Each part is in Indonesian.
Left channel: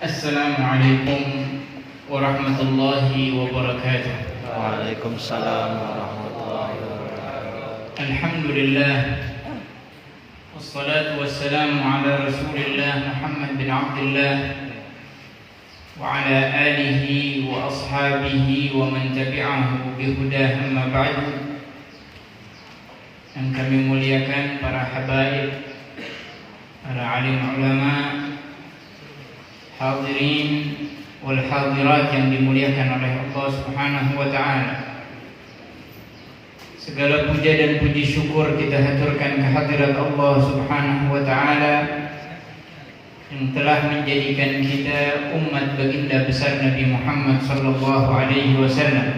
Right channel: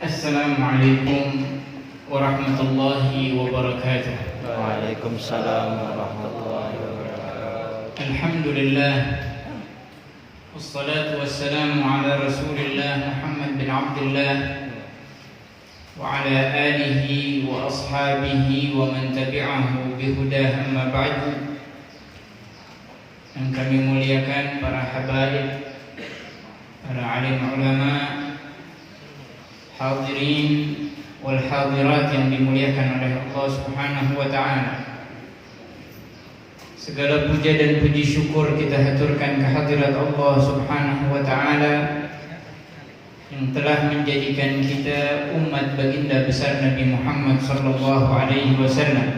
Assalamualaikum warahmatullahi wabarakatuh. Waalaikumsalam warahmatullahi wabarakatuh. Alhamdulillah, wassalatu wassalamu ala Rasulillah Muhammad bin Abdullah wa ala alihi wa ashabihi wa man tabi'ahu bihudah, amma ba'du. Yang kami muliakan para habaib, para alim ulama, hadirin wal hadirat yang dimuliakan oleh Allah Subhanahu wa taala. Segala puja dan puji syukur kita haturkan kehadirat Allah Subhanahu wa taala yang telah menjadikan kita umat baginda besar Nabi Muhammad sallallahu alaihi wasallam.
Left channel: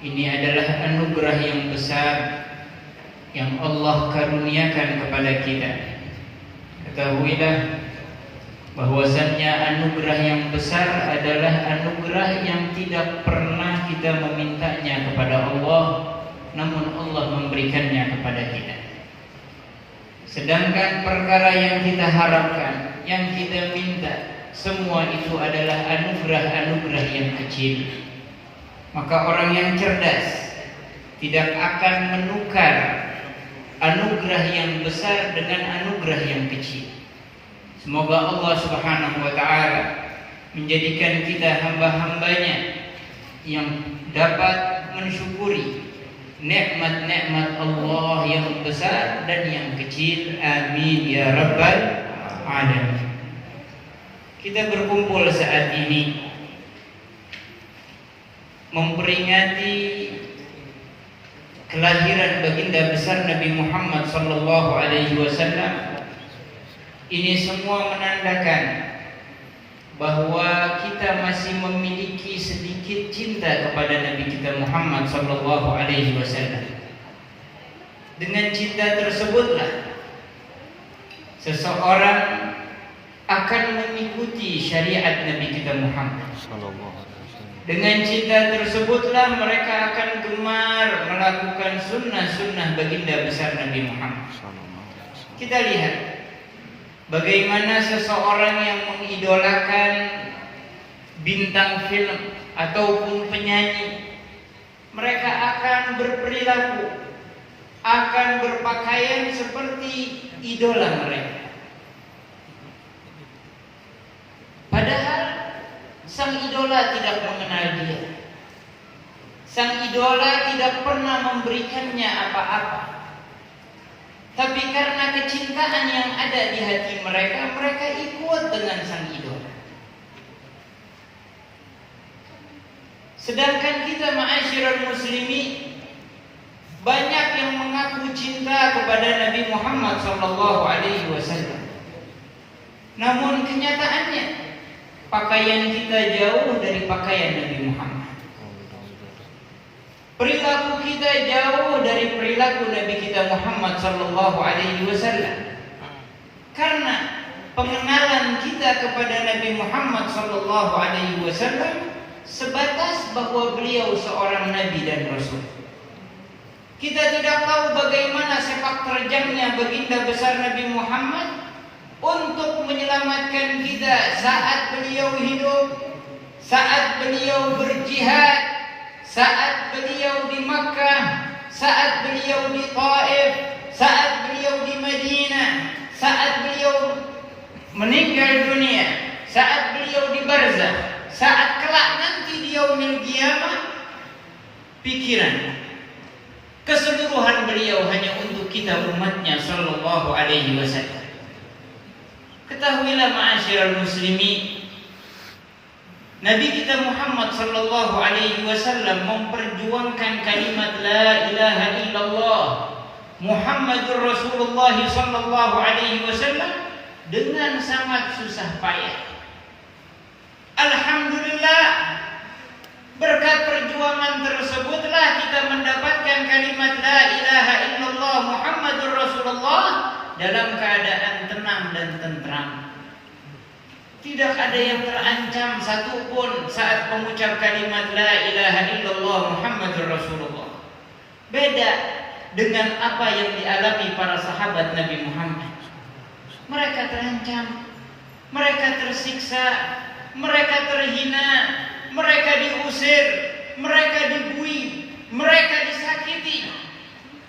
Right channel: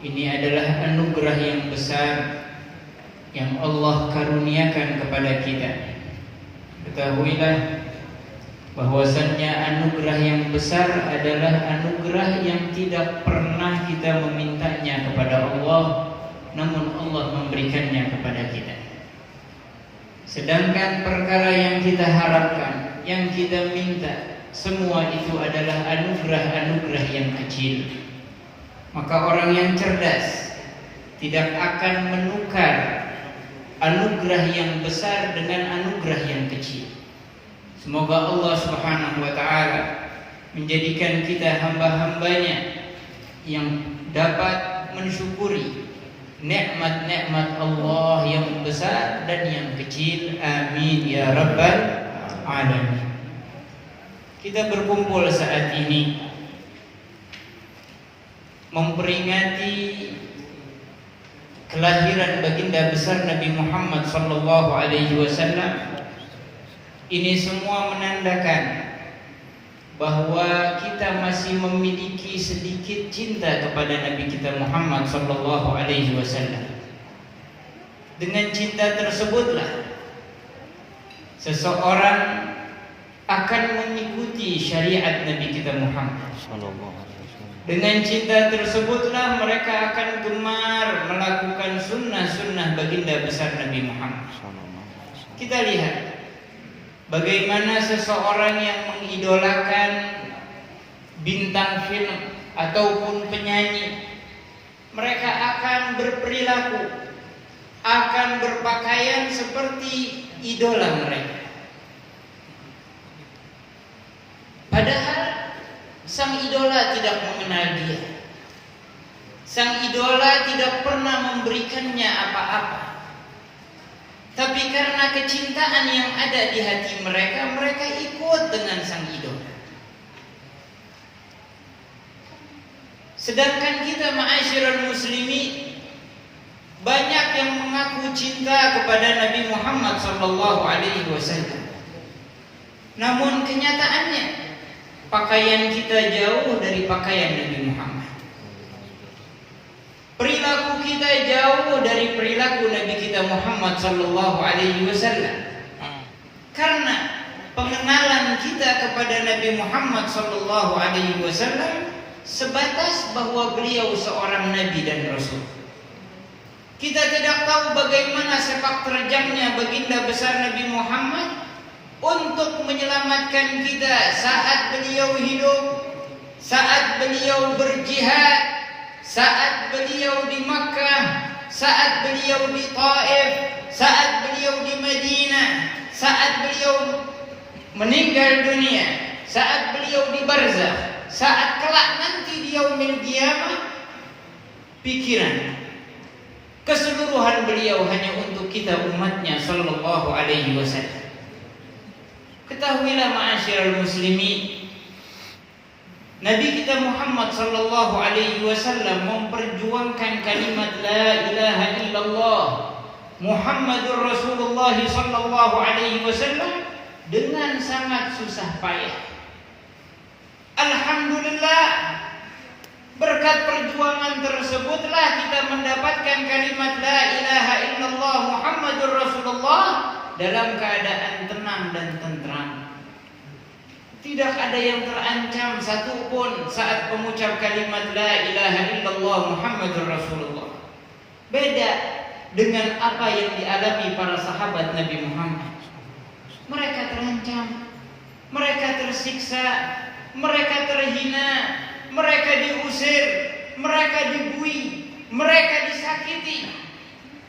Ini adalah anugerah yang besar yang Allah karuniakan kepada kita. Ketahuilah bahwasannya anugerah yang besar adalah anugerah yang tidak pernah kita memintanya kepada Allah, namun Allah memberikannya kepada kita. Sedangkan perkara yang kita harapkan, yang kita minta, semua itu adalah anugerah-anugerah yang kecil. Maka orang yang cerdas tidak akan menukar anugerah yang besar dengan anugerah yang kecil. Semoga Allah Subhanahu wa ta'ala menjadikan kita hamba-hambanya yang dapat mensyukuri nikmat-nikmat Allah yang besar dan yang kecil. Amin ya rabbal alamin. Kita berkumpul saat ini memperingati kelahiran baginda besar Nabi Muhammad sallallahu alaihi wasallam. Ini semua menandakan bahwa kita masih memiliki sedikit cinta kepada Nabi kita Muhammad sallallahu alaihi wasallam. Dengan cinta tersebutlah seseorang akan mengikuti syariat Nabi kita Muhammad sallallahu alaihi wasallam. Dengan cinta tersebutlah mereka akan gemar melakukan sunnah-sunnah baginda besar Nabi Muhammad sallallahu alaihi wasallam. Kita lihat bagaimana seseorang yang mengidolakan bintang film ataupun penyanyi, mereka akan berperilaku, akan berpakaian seperti idola mereka. Padahal sang idola tidak mengenal dia. Sang idola tidak pernah memberikannya apa-apa. Tapi karena kecintaan yang ada di hati mereka, mereka ikut dengan sang idola. Sedangkan kita ma'asyiral muslimin banyak yang mengaku cinta kepada Nabi Muhammad sallallahu alaihi wasallam. Namun kenyataannya pakaian kita jauh dari pakaian Nabi Muhammad. Perilaku kita jauh dari perilaku Nabi kita Muhammad sallallahu alaihi wasallam. Karena pengenalan kita kepada Nabi Muhammad sallallahu alaihi wasallam sebatas bahwa beliau seorang nabi dan rasul. Kita tidak tahu bagaimana sepak terjangnya baginda besar Nabi Muhammad untuk menyelamatkan kita saat beliau hidup, saat beliau berjihad, saat beliau di Makkah, saat beliau di Taif, saat beliau di Madinah, saat beliau meninggal dunia, saat beliau di barzakh, saat kelak nanti di yaumil qiyamah. Pikiran keseluruhan beliau hanya untuk kita umatnya sallallahu alaihi wasallam. Ketahuilah ma'asyiral muslimin, Nabi kita Muhammad sallallahu alaihi wasallam memperjuangkan kalimat la ilaha illallah Muhammadur Rasulullah sallallahu alaihi wasallam dengan sangat susah payah. Alhamdulillah, berkat perjuangan tersebutlah kita mendapatkan kalimat la ilaha illallah Muhammadur Rasulullah dalam keadaan tenang dan tentram. Tidak ada yang terancam satupun saat mengucap kalimat la ilaha illallah Muhammadur Rasulullah. Beda dengan apa yang dialami para sahabat Nabi Muhammad. Mereka terancam. mereka tersiksa, mereka terhina, mereka diusir, mereka dibui, mereka disakiti.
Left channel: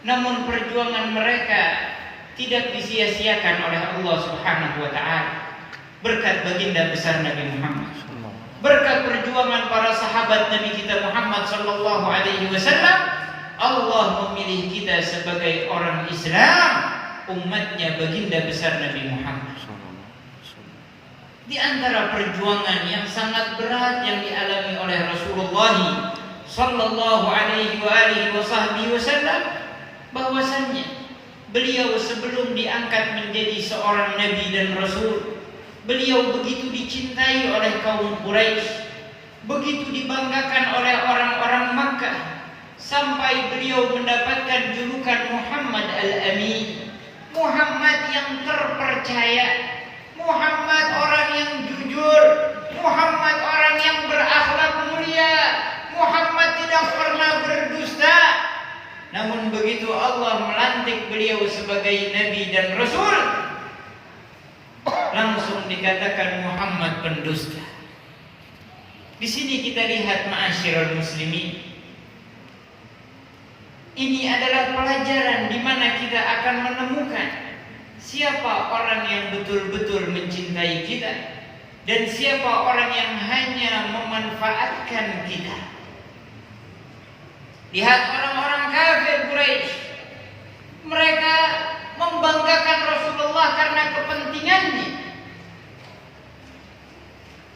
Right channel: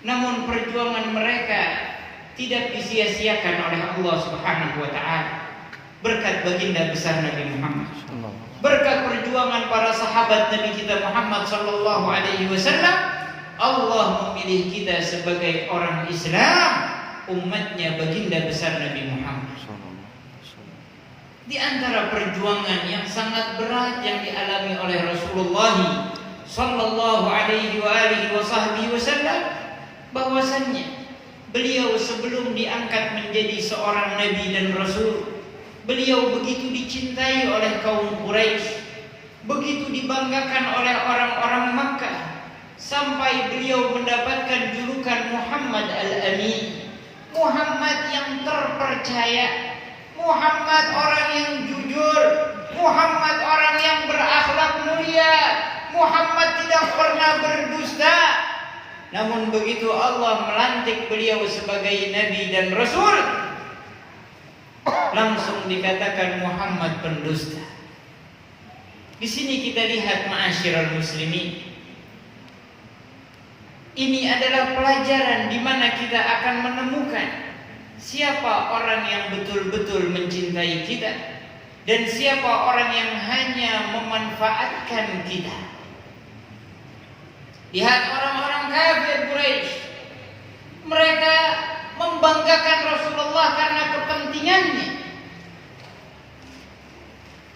Namun perjuangan mereka tidak disia-siakan oleh Allah Subhanahu wa taala. Berkat baginda besar Nabi Muhammad, berkat perjuangan para sahabat Nabi kita Muhammad sallallahu alaihi wasallam, Allah memilih kita sebagai orang Islam, umatnya baginda besar Nabi Muhammad. Di antara perjuangan yang sangat berat yang dialami oleh Rasulullah sallallahu alaihi wasallam, bahwasannya beliau sebelum diangkat menjadi seorang nabi dan rasul, beliau begitu dicintai oleh kaum Quraisy, begitu dibanggakan oleh orang-orang Makkah, sampai beliau mendapatkan julukan Muhammad Al-Amin, Muhammad yang terpercaya, Muhammad orang yang jujur, Muhammad orang yang berakhlak mulia, Muhammad tidak pernah berdusta. Namun begitu Allah melantik beliau sebagai nabi dan rasul, langsung dikatakan Muhammad pendusta. Di sini kita lihat ma'asyiral muslimin, ini adalah pelajaran di mana kita akan menemukan siapa orang yang betul-betul mencintai kita dan siapa orang yang hanya memanfaatkan kita. Lihat orang-orang kafir Quraisy, mereka membanggakan Rasulullah karena kepentingannya,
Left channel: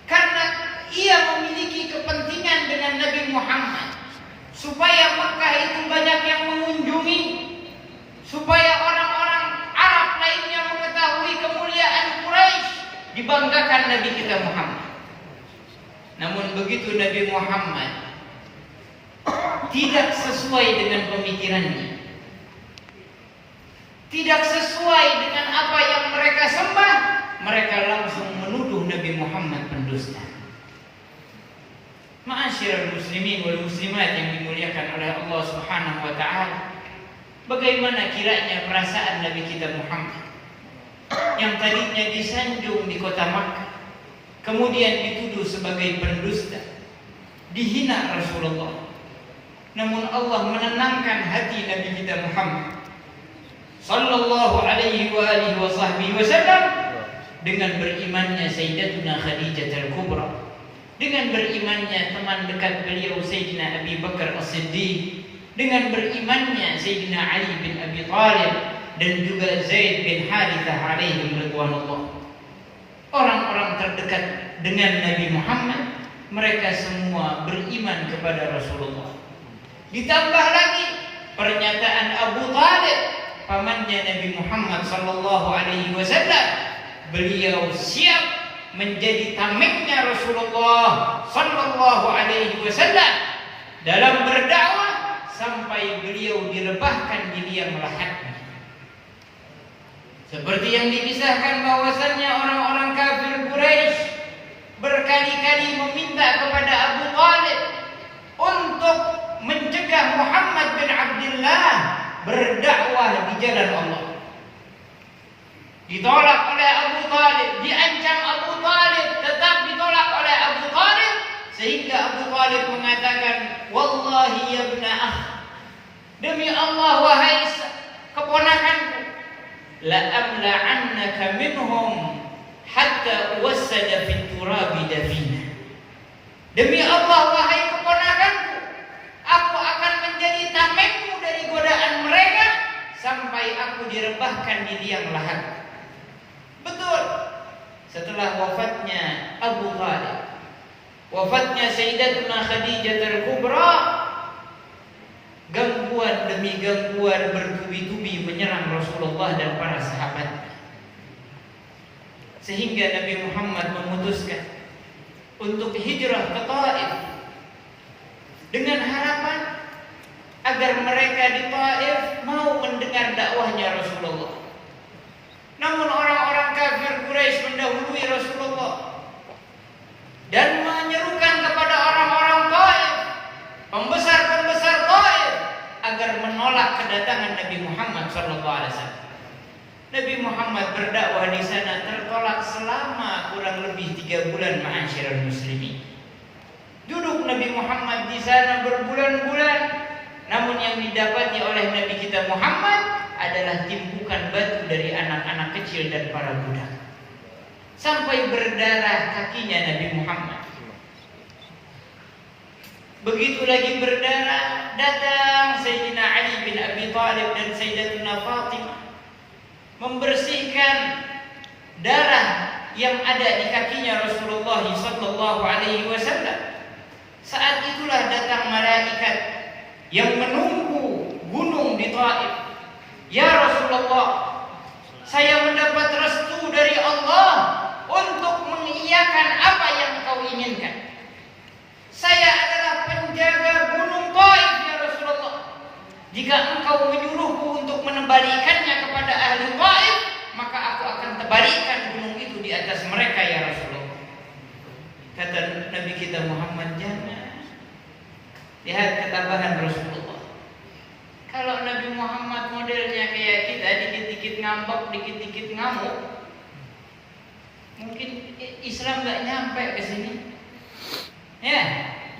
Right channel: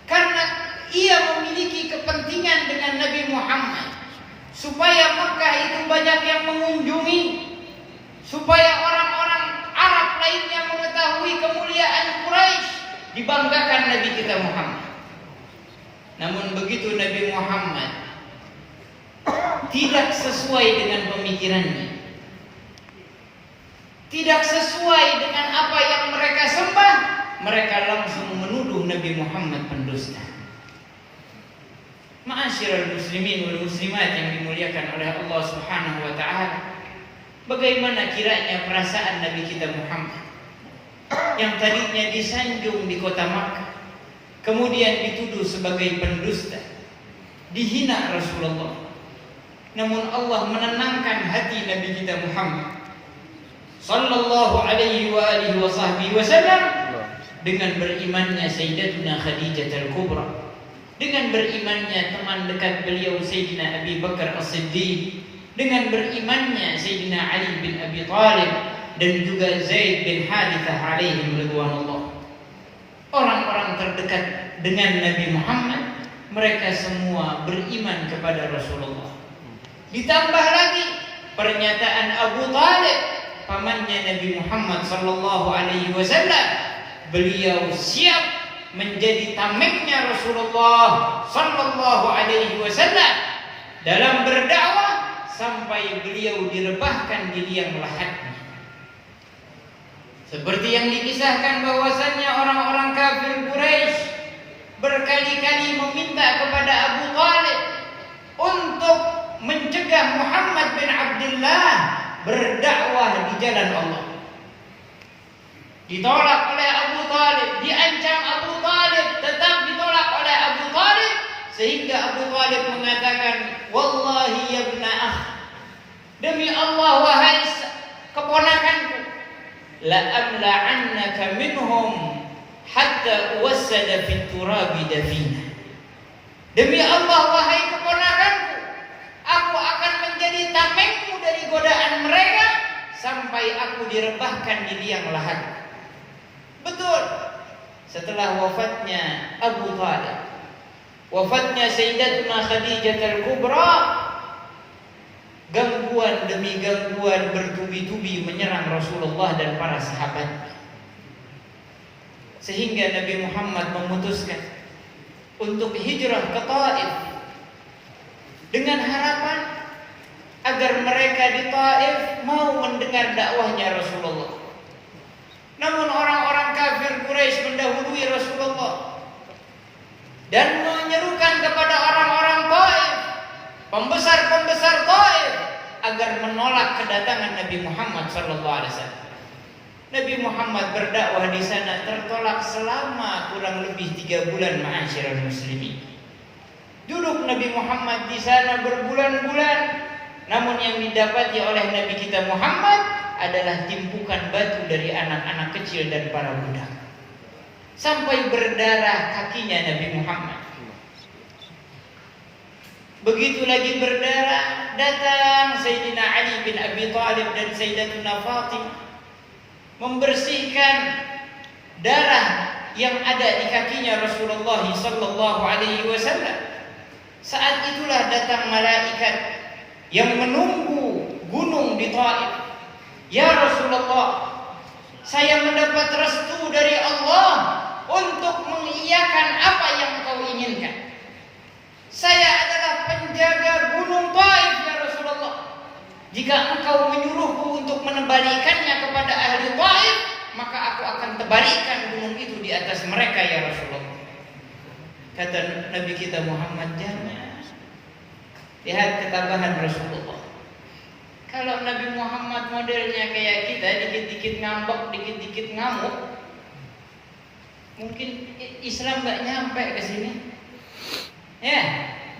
karena ia memiliki kepentingan dengan Nabi Muhammad, supaya Makkah itu banyak yang mengunjungi, supaya orang-orang Arab lainnya mengetahui kemuliaan Quraisy, dibanggakan Nabi kita Muhammad. Namun begitu Nabi Muhammad tidak sesuai dengan pemikirannya, tidak sesuai dengan apa yang mereka sembah, mereka langsung menuduh Nabi Muhammad pendusta. Ma'asyiral muslimin wal muslimat yang dimuliakan oleh Allah Subhanahu wa taala, bagaimana kiranya perasaan Nabi kita Muhammad yang tadinya disanjung di kota Makkah, kemudian dituduh sebagai pendusta, dihina Rasulullah. Namun Allah menenangkan hati Nabi kita Muhammad sallallahu alaihi wasallam dengan berimannya Sayyidatuna Khadijah Al-Kubra, dengan berimannya teman dekat beliau Sayyidina Abi Bakar As-Siddiq, dengan berimannya Sayyidina Ali bin Abi Thalib dan juga Zaid bin Harithah alaihim ridwanullah. Orang-orang terdekat dengan Nabi Muhammad, mereka semua beriman kepada Rasulullah. Ditambah lagi pernyataan Abu Thalib, pamannya Nabi Muhammad sallallahu alaihi wasallam, beliau siap menjadi tamengnya Rasulullah sallallahu alaihi wasallam dalam berdakwah sampai beliau direbahkan di liang lahatnya. Seperti yang dikisahkan bahwasannya orang-orang kafir Quraisy berkali-kali meminta kepada Abu Thalib untuk mencegah Muhammad bin Abdullah berdakwah di jalan Allah. Ditolak oleh Abu Thalib, diancam Abu Thalib, tetap ditolak oleh Abu Thalib, sehingga Abu Thalib mengatakan, wallahi ya ibna akh, demi Allah wahai keponakanku, la amla'annaka minhum hatta uwassada fit turabi dafina. Demi Allah wahai keponakanku, aku akan menjadi tamengmu dari godaan mereka sampai aku direbahkan di liang lahat. Betul, setelah wafatnya Abu Thalib, wafatnya Sayyidatuna Khadijah Al-Kubra, gangguan demi gangguan bertubi-tubi menyerang Rasulullah dan para sahabat, sehingga Nabi Muhammad memutuskan untuk hijrah ke Taif dengan harapan agar mereka di Taif mau mendengar dakwahnya Rasulullah. Namun orang-orang kafir Quraisy mendahului Rasulullah dan menyerukan kepada orang-orang Taif, pembesar-pembesar Taif, agar menolak kedatangan Nabi Muhammad SAW. Nabi Muhammad berdakwah di sana tertolak selama kurang lebih 3 bulan, ma'asyiral muslimin. Duduk Nabi Muhammad di sana berbulan-bulan, namun yang didapati oleh Nabi kita Muhammad adalah timbukan batu dari anak-anak kecil dan para budak. Sampai berdarah kakinya Nabi Muhammad. Begitu lagi berdarah, datang Sayyidina Ali bin Abi Thalib dan Sayyidatuna Fatimah membersihkan darah yang ada di kakinya Rasulullah sallallahu alaihi wasallam. Saat itulah datang malaikat yang menunggu gunung di Taif. Ya Rasulullah, saya mendapat restu dari Allah untuk mengiyakan apa yang kau inginkan. Saya adalah penjaga gunung Taif ya Rasulullah. Jika engkau menyuruhku untuk menembalikannya kepada ahli Taif, maka aku akan tebalikan gunung itu di atas mereka ya Rasulullah. Kata Nabi kita Muhammad, jangan. Lihat ketabahan Rasulullah. Kalau Nabi Muhammad modelnya kayak kita, dikit-dikit ngambek, dikit-dikit ngamuk, mungkin Islam gak nyampe ke sini. Ya,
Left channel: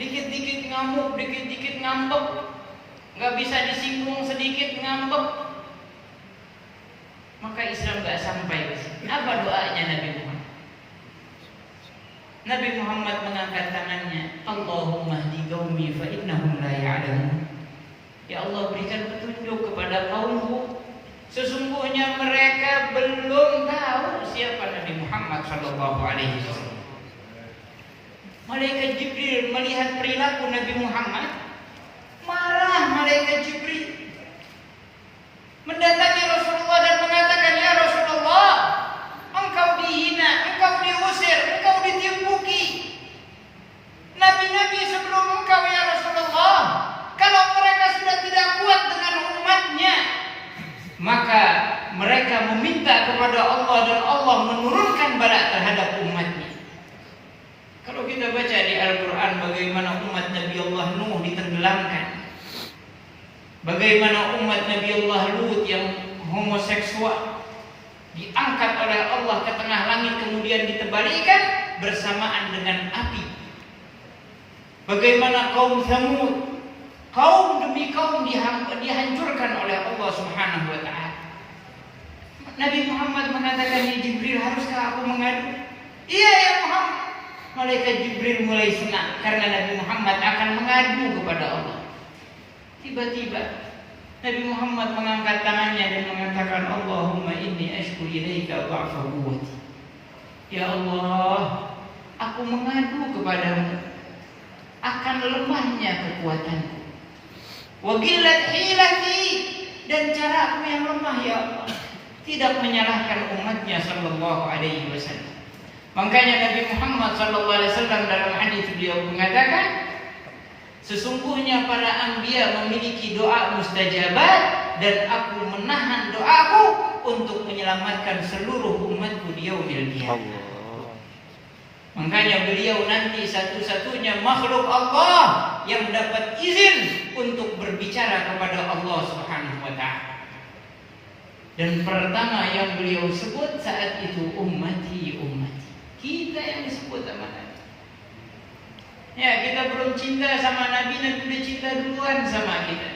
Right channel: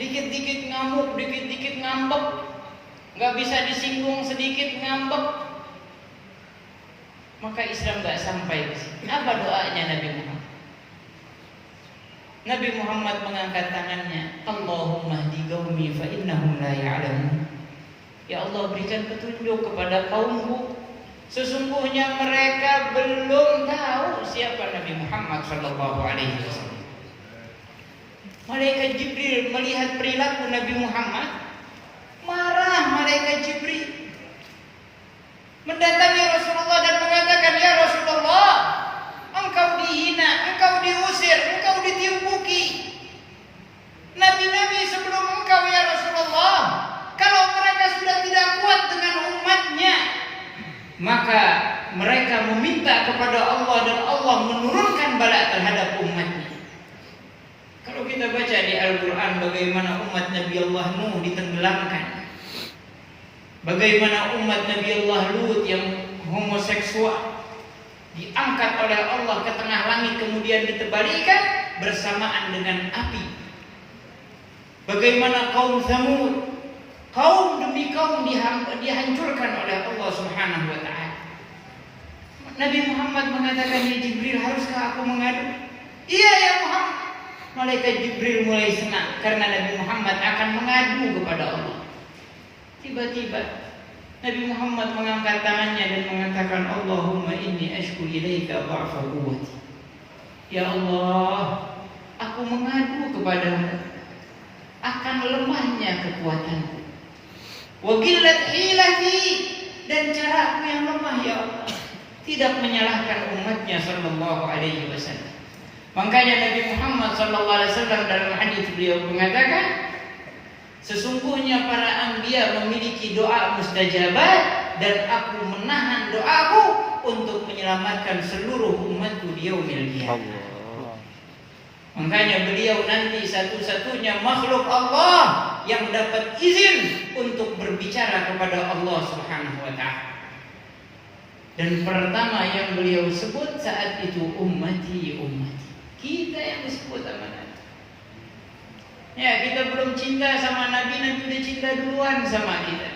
dikit-dikit ngamuk, dikit-dikit ngambek, gak bisa disinggung sedikit ngambek, maka Islam gak sampai ke sini. Apa doanya Nabi Muhammad? Nabi Muhammad mengangkat tangannya, Allahumma hdi qaumi fa innahum la ya'lamun. Ya Allah, berikan petunjuk kepada kaumku, sesungguhnya mereka belum tahu siapa Nabi Muhammad sallallahu alaihi wasallam. Malaikat Jibril melihat perilaku Nabi Muhammad, marah malaikat Jibril, mendatangi Rasulullah dan mengatakan, ya Rasulullah, engkau dihina, engkau diusir, engkau ditimbuki. Nabi-nabi sebelum engkau ya Rasulullah, kalau mereka sudah tidak kuat dengan umatnya, maka mereka meminta kepada Allah dan Allah menurunkan bala terhadap umatnya. Kalau kita baca di Al-Quran bagaimana umat Nabi Allah Nuh ditenggelamkan, bagaimana umat Nabi Allah Lut yang homoseksual diangkat oleh Allah ke tengah langit kemudian ditebalikan bersamaan dengan api. Bagaimana kaum Tsamud, kaum demi kaum dihancurkan oleh Allah Subhanahu wa taala. Nabi Muhammad mengatakan, ya Jibril, haruskah aku mengadu? Iya ya Muhammad. Malaikat Jibril mulai senang karena Nabi Muhammad akan mengadu kepada Allah. Tiba-tiba Nabi Muhammad mengangkat tangannya dan mengatakan, Allahumma inni ashku ilaika dha'fa quwwati. Ya Allah, aku mengadu kepadamu akan lemahnya kekuatanku, wa qillat hilati, dan caraku yang lemah ya Allah. Tidak menyalahkan umatnya sallallahu alaihi wasallam. Makanya Nabi Muhammad sallallahu alaihi wasallam dalam hadis beliau mengatakan, sesungguhnya para anbiya memiliki doa mustajabat dan aku menahan doaku untuk menyelamatkan seluruh umatku di yaumil qiyamah. Makanya beliau nanti satu-satunya makhluk Allah yang dapat izin untuk berbicara kepada Allah Subhanahu wa taala. Dan pertama yang beliau sebut saat itu ummati, ummati. Kita yang disebut sama Nabi. Ya, kita belum cinta sama Nabi, Nabi udah cinta duluan sama kita.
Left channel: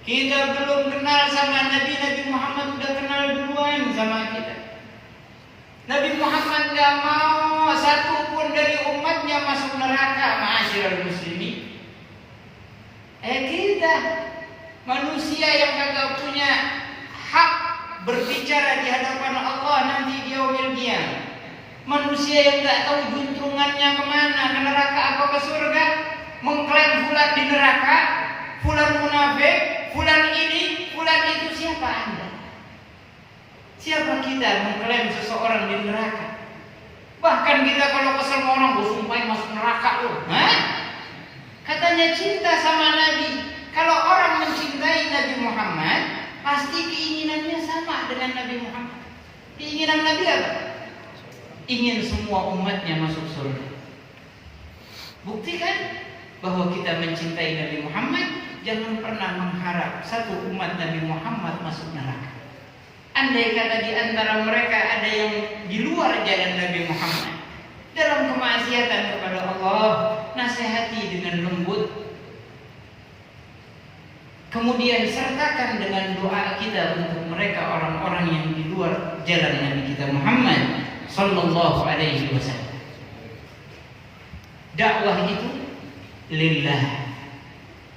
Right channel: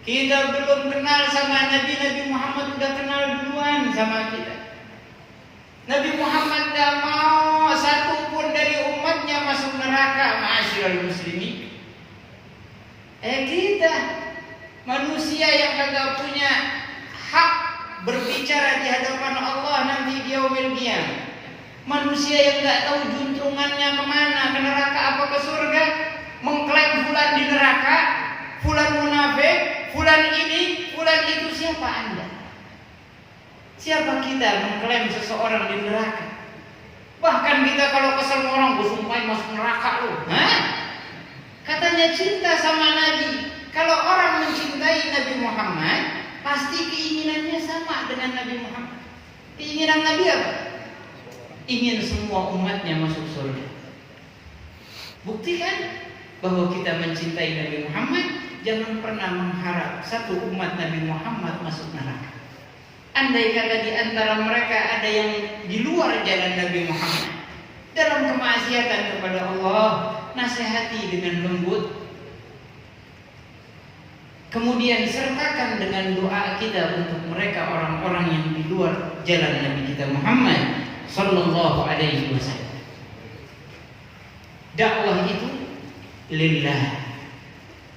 Kita belum kenal sama Nabi, Nabi Muhammad udah kenal duluan sama kita. Nabi Muhammad gak mau satu pun dari umatnya masuk neraka, ma'asyiral muslimin. Kita manusia yang kagak punya hak berbicara di hadapan Allah nanti di yaumil qiyamah. Manusia yang gak tahu juntrungannya kemana, ke neraka apa ke surga, mengklaim fulan di neraka, fulan munafik, fulan ini, fulan itu. Siapa Anda? Siapa kita mengklaim seseorang di neraka? Bahkan kita kalau kesel orang, gue sumpahin masuk neraka loh. Katanya cinta sama Nabi. Kalau orang mencintai Nabi Muhammad, pasti keinginannya sama dengan Nabi Muhammad. Keinginan Nabi apa? Ingin semua umatnya masuk surga. Buktikan bahwa kita mencintai Nabi Muhammad. Jangan pernah mengharap satu umat Nabi Muhammad masuk neraka. Andai kata di antara mereka ada yang di luar jalan Nabi Muhammad dalam kemaksiatan kepada Allah, nasihati dengan lembut. Kemudian sertakan dengan doa kita untuk mereka orang-orang yang di luar jalan Nabi kita Muhammad sallallahu alaihi wasallam. Dakwah itu lillah.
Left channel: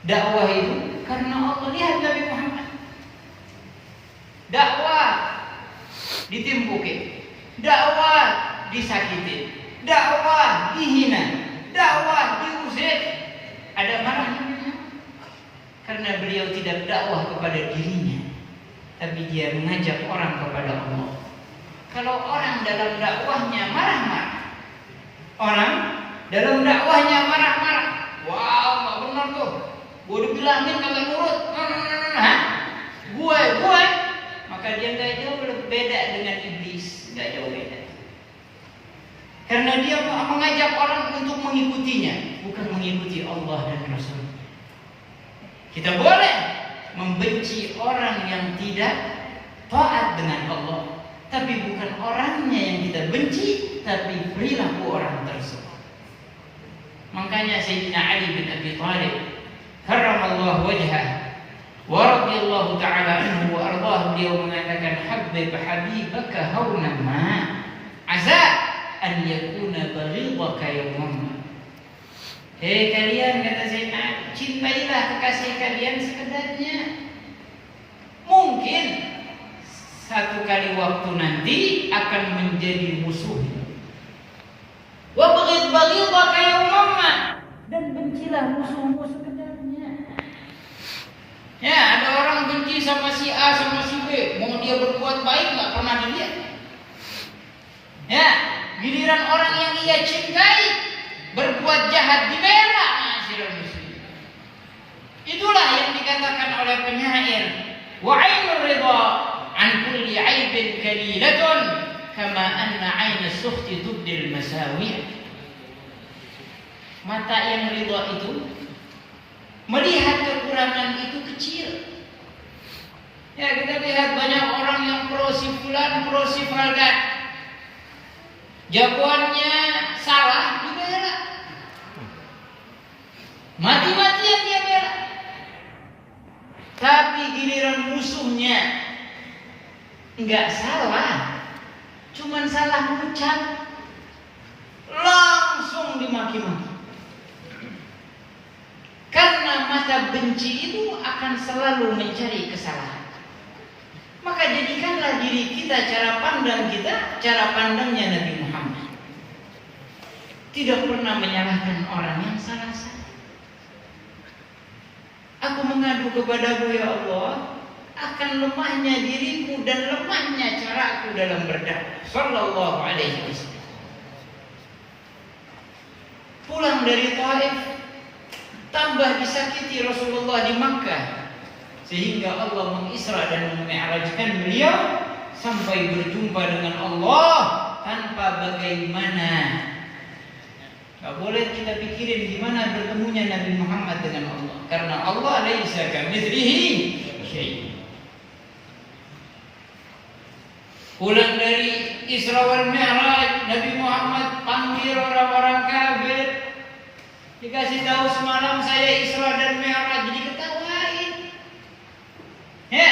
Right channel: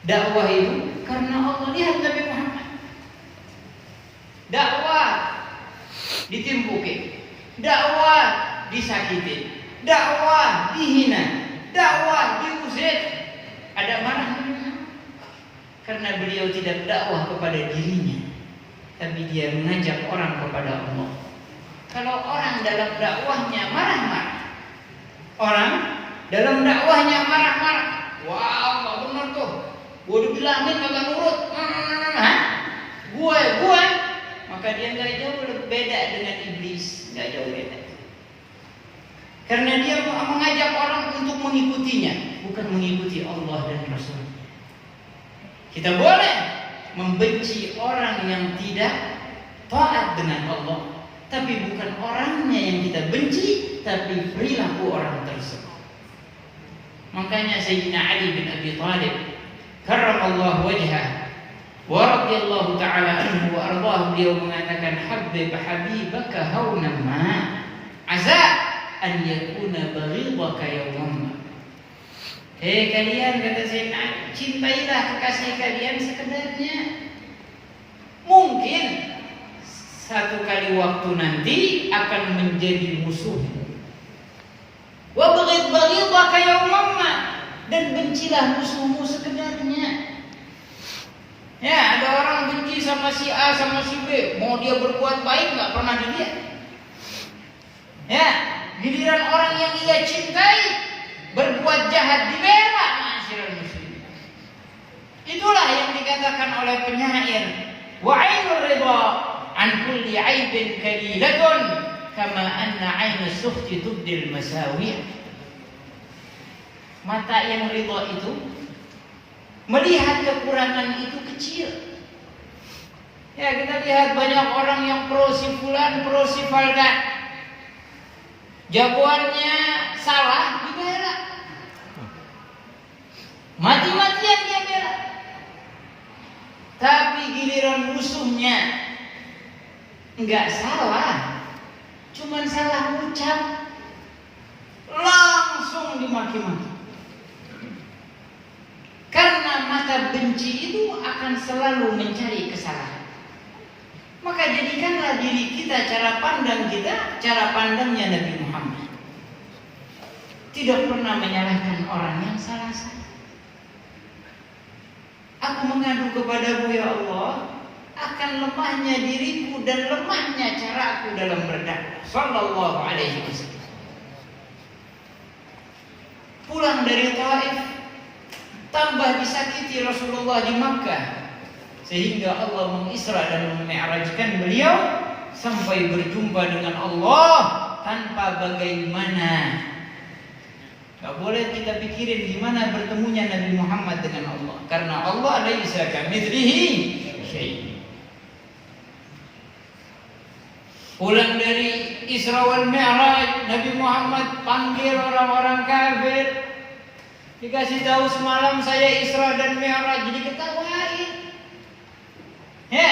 Dakwah itu karena Allah. Lihat Nabi Muhammad. Dakwah ditimpukin, dakwah disakitin, dakwah dihina, dakwah diusir. Ada marahnya karena beliau tidak dakwah kepada dirinya, tapi dia mengajak orang kepada Allah. Kalau orang dalam dakwahnya marah-marah, orang dalam dakwahnya marah-marah, wow, nggak benar tuh, gue udah bilangin kagak nurut, gue, maka dia nggak jauh beda dengan iblis, nggak jauh beda. Karena dia mengajak orang untuk mengikutinya, bukan mengikuti Allah dan Rasul. Kita boleh membenci orang yang tidak taat dengan Allah, tapi bukan orangnya yang kita benci, tapi perilaku orang tersebut. Makanya Sayyidina Ali bin Abi Thalib karramallahu wajhah wa radhiyallahu ta'ala anhu wa ardhahu, beliau mengatakan habibaka hauna ma asa an yakuna baghidaka yawman. Hei kalian, kata Sayyidina Ali, cintailah kekasih kalian sekedarnya. Mungkin satu kali waktu nanti akan menjadi musuhmu. Wa baghidaka yawman, dan bencilah musuhmu sekedarnya. Ya, ada orang benci sama si A sama si B, mau dia berbuat baik nggak pernah dilihat. Ya, giliran orang yang ia cintai berbuat jahat dibela. Ma'asyiral muslimin. Itulah yang dikatakan oleh penyair, wa 'ainur ridha an kulli 'aibin kalilatun kama anna 'ainus sukhti tubdil masawi'. Mata yang ridha itu melihat kekurangan itu kecil. Ya, kita lihat banyak orang yang pro si fulan, pro si faldan, jagoannya salah dibela, mati-matian dia bela. Tapi giliran musuhnya enggak salah, cuman salah ucap, langsung dimaki-maki. Karena mata benci itu akan selalu mencari kesalahan. Maka jadikanlah diri kita, cara pandang kita, cara pandangnya Nabi Muhammad. Tidak pernah menyalahkan orang yang salah-salah. Aku mengadu kepadamu ya Allah akan lemahnya diriku dan lemahnya caraku dalam berdakwah. Sallallahu alaihi wasallam. Pulang dari Taif, tambah disakiti Rasulullah di Makkah, sehingga Allah mengisra dan memi'rajkan beliau sampai berjumpa dengan Allah tanpa bagaimana. Gak boleh kita pikirin gimana bertemunya Nabi Muhammad dengan Allah, karena Allah laisa kamitslihi syai'. Pulang dari Isra wal Mi'raj, Nabi Muhammad panggil orang-orang kafir. Dikasih tahu semalam saya Isra dan Mi'raj, jadi ketawain. Ya,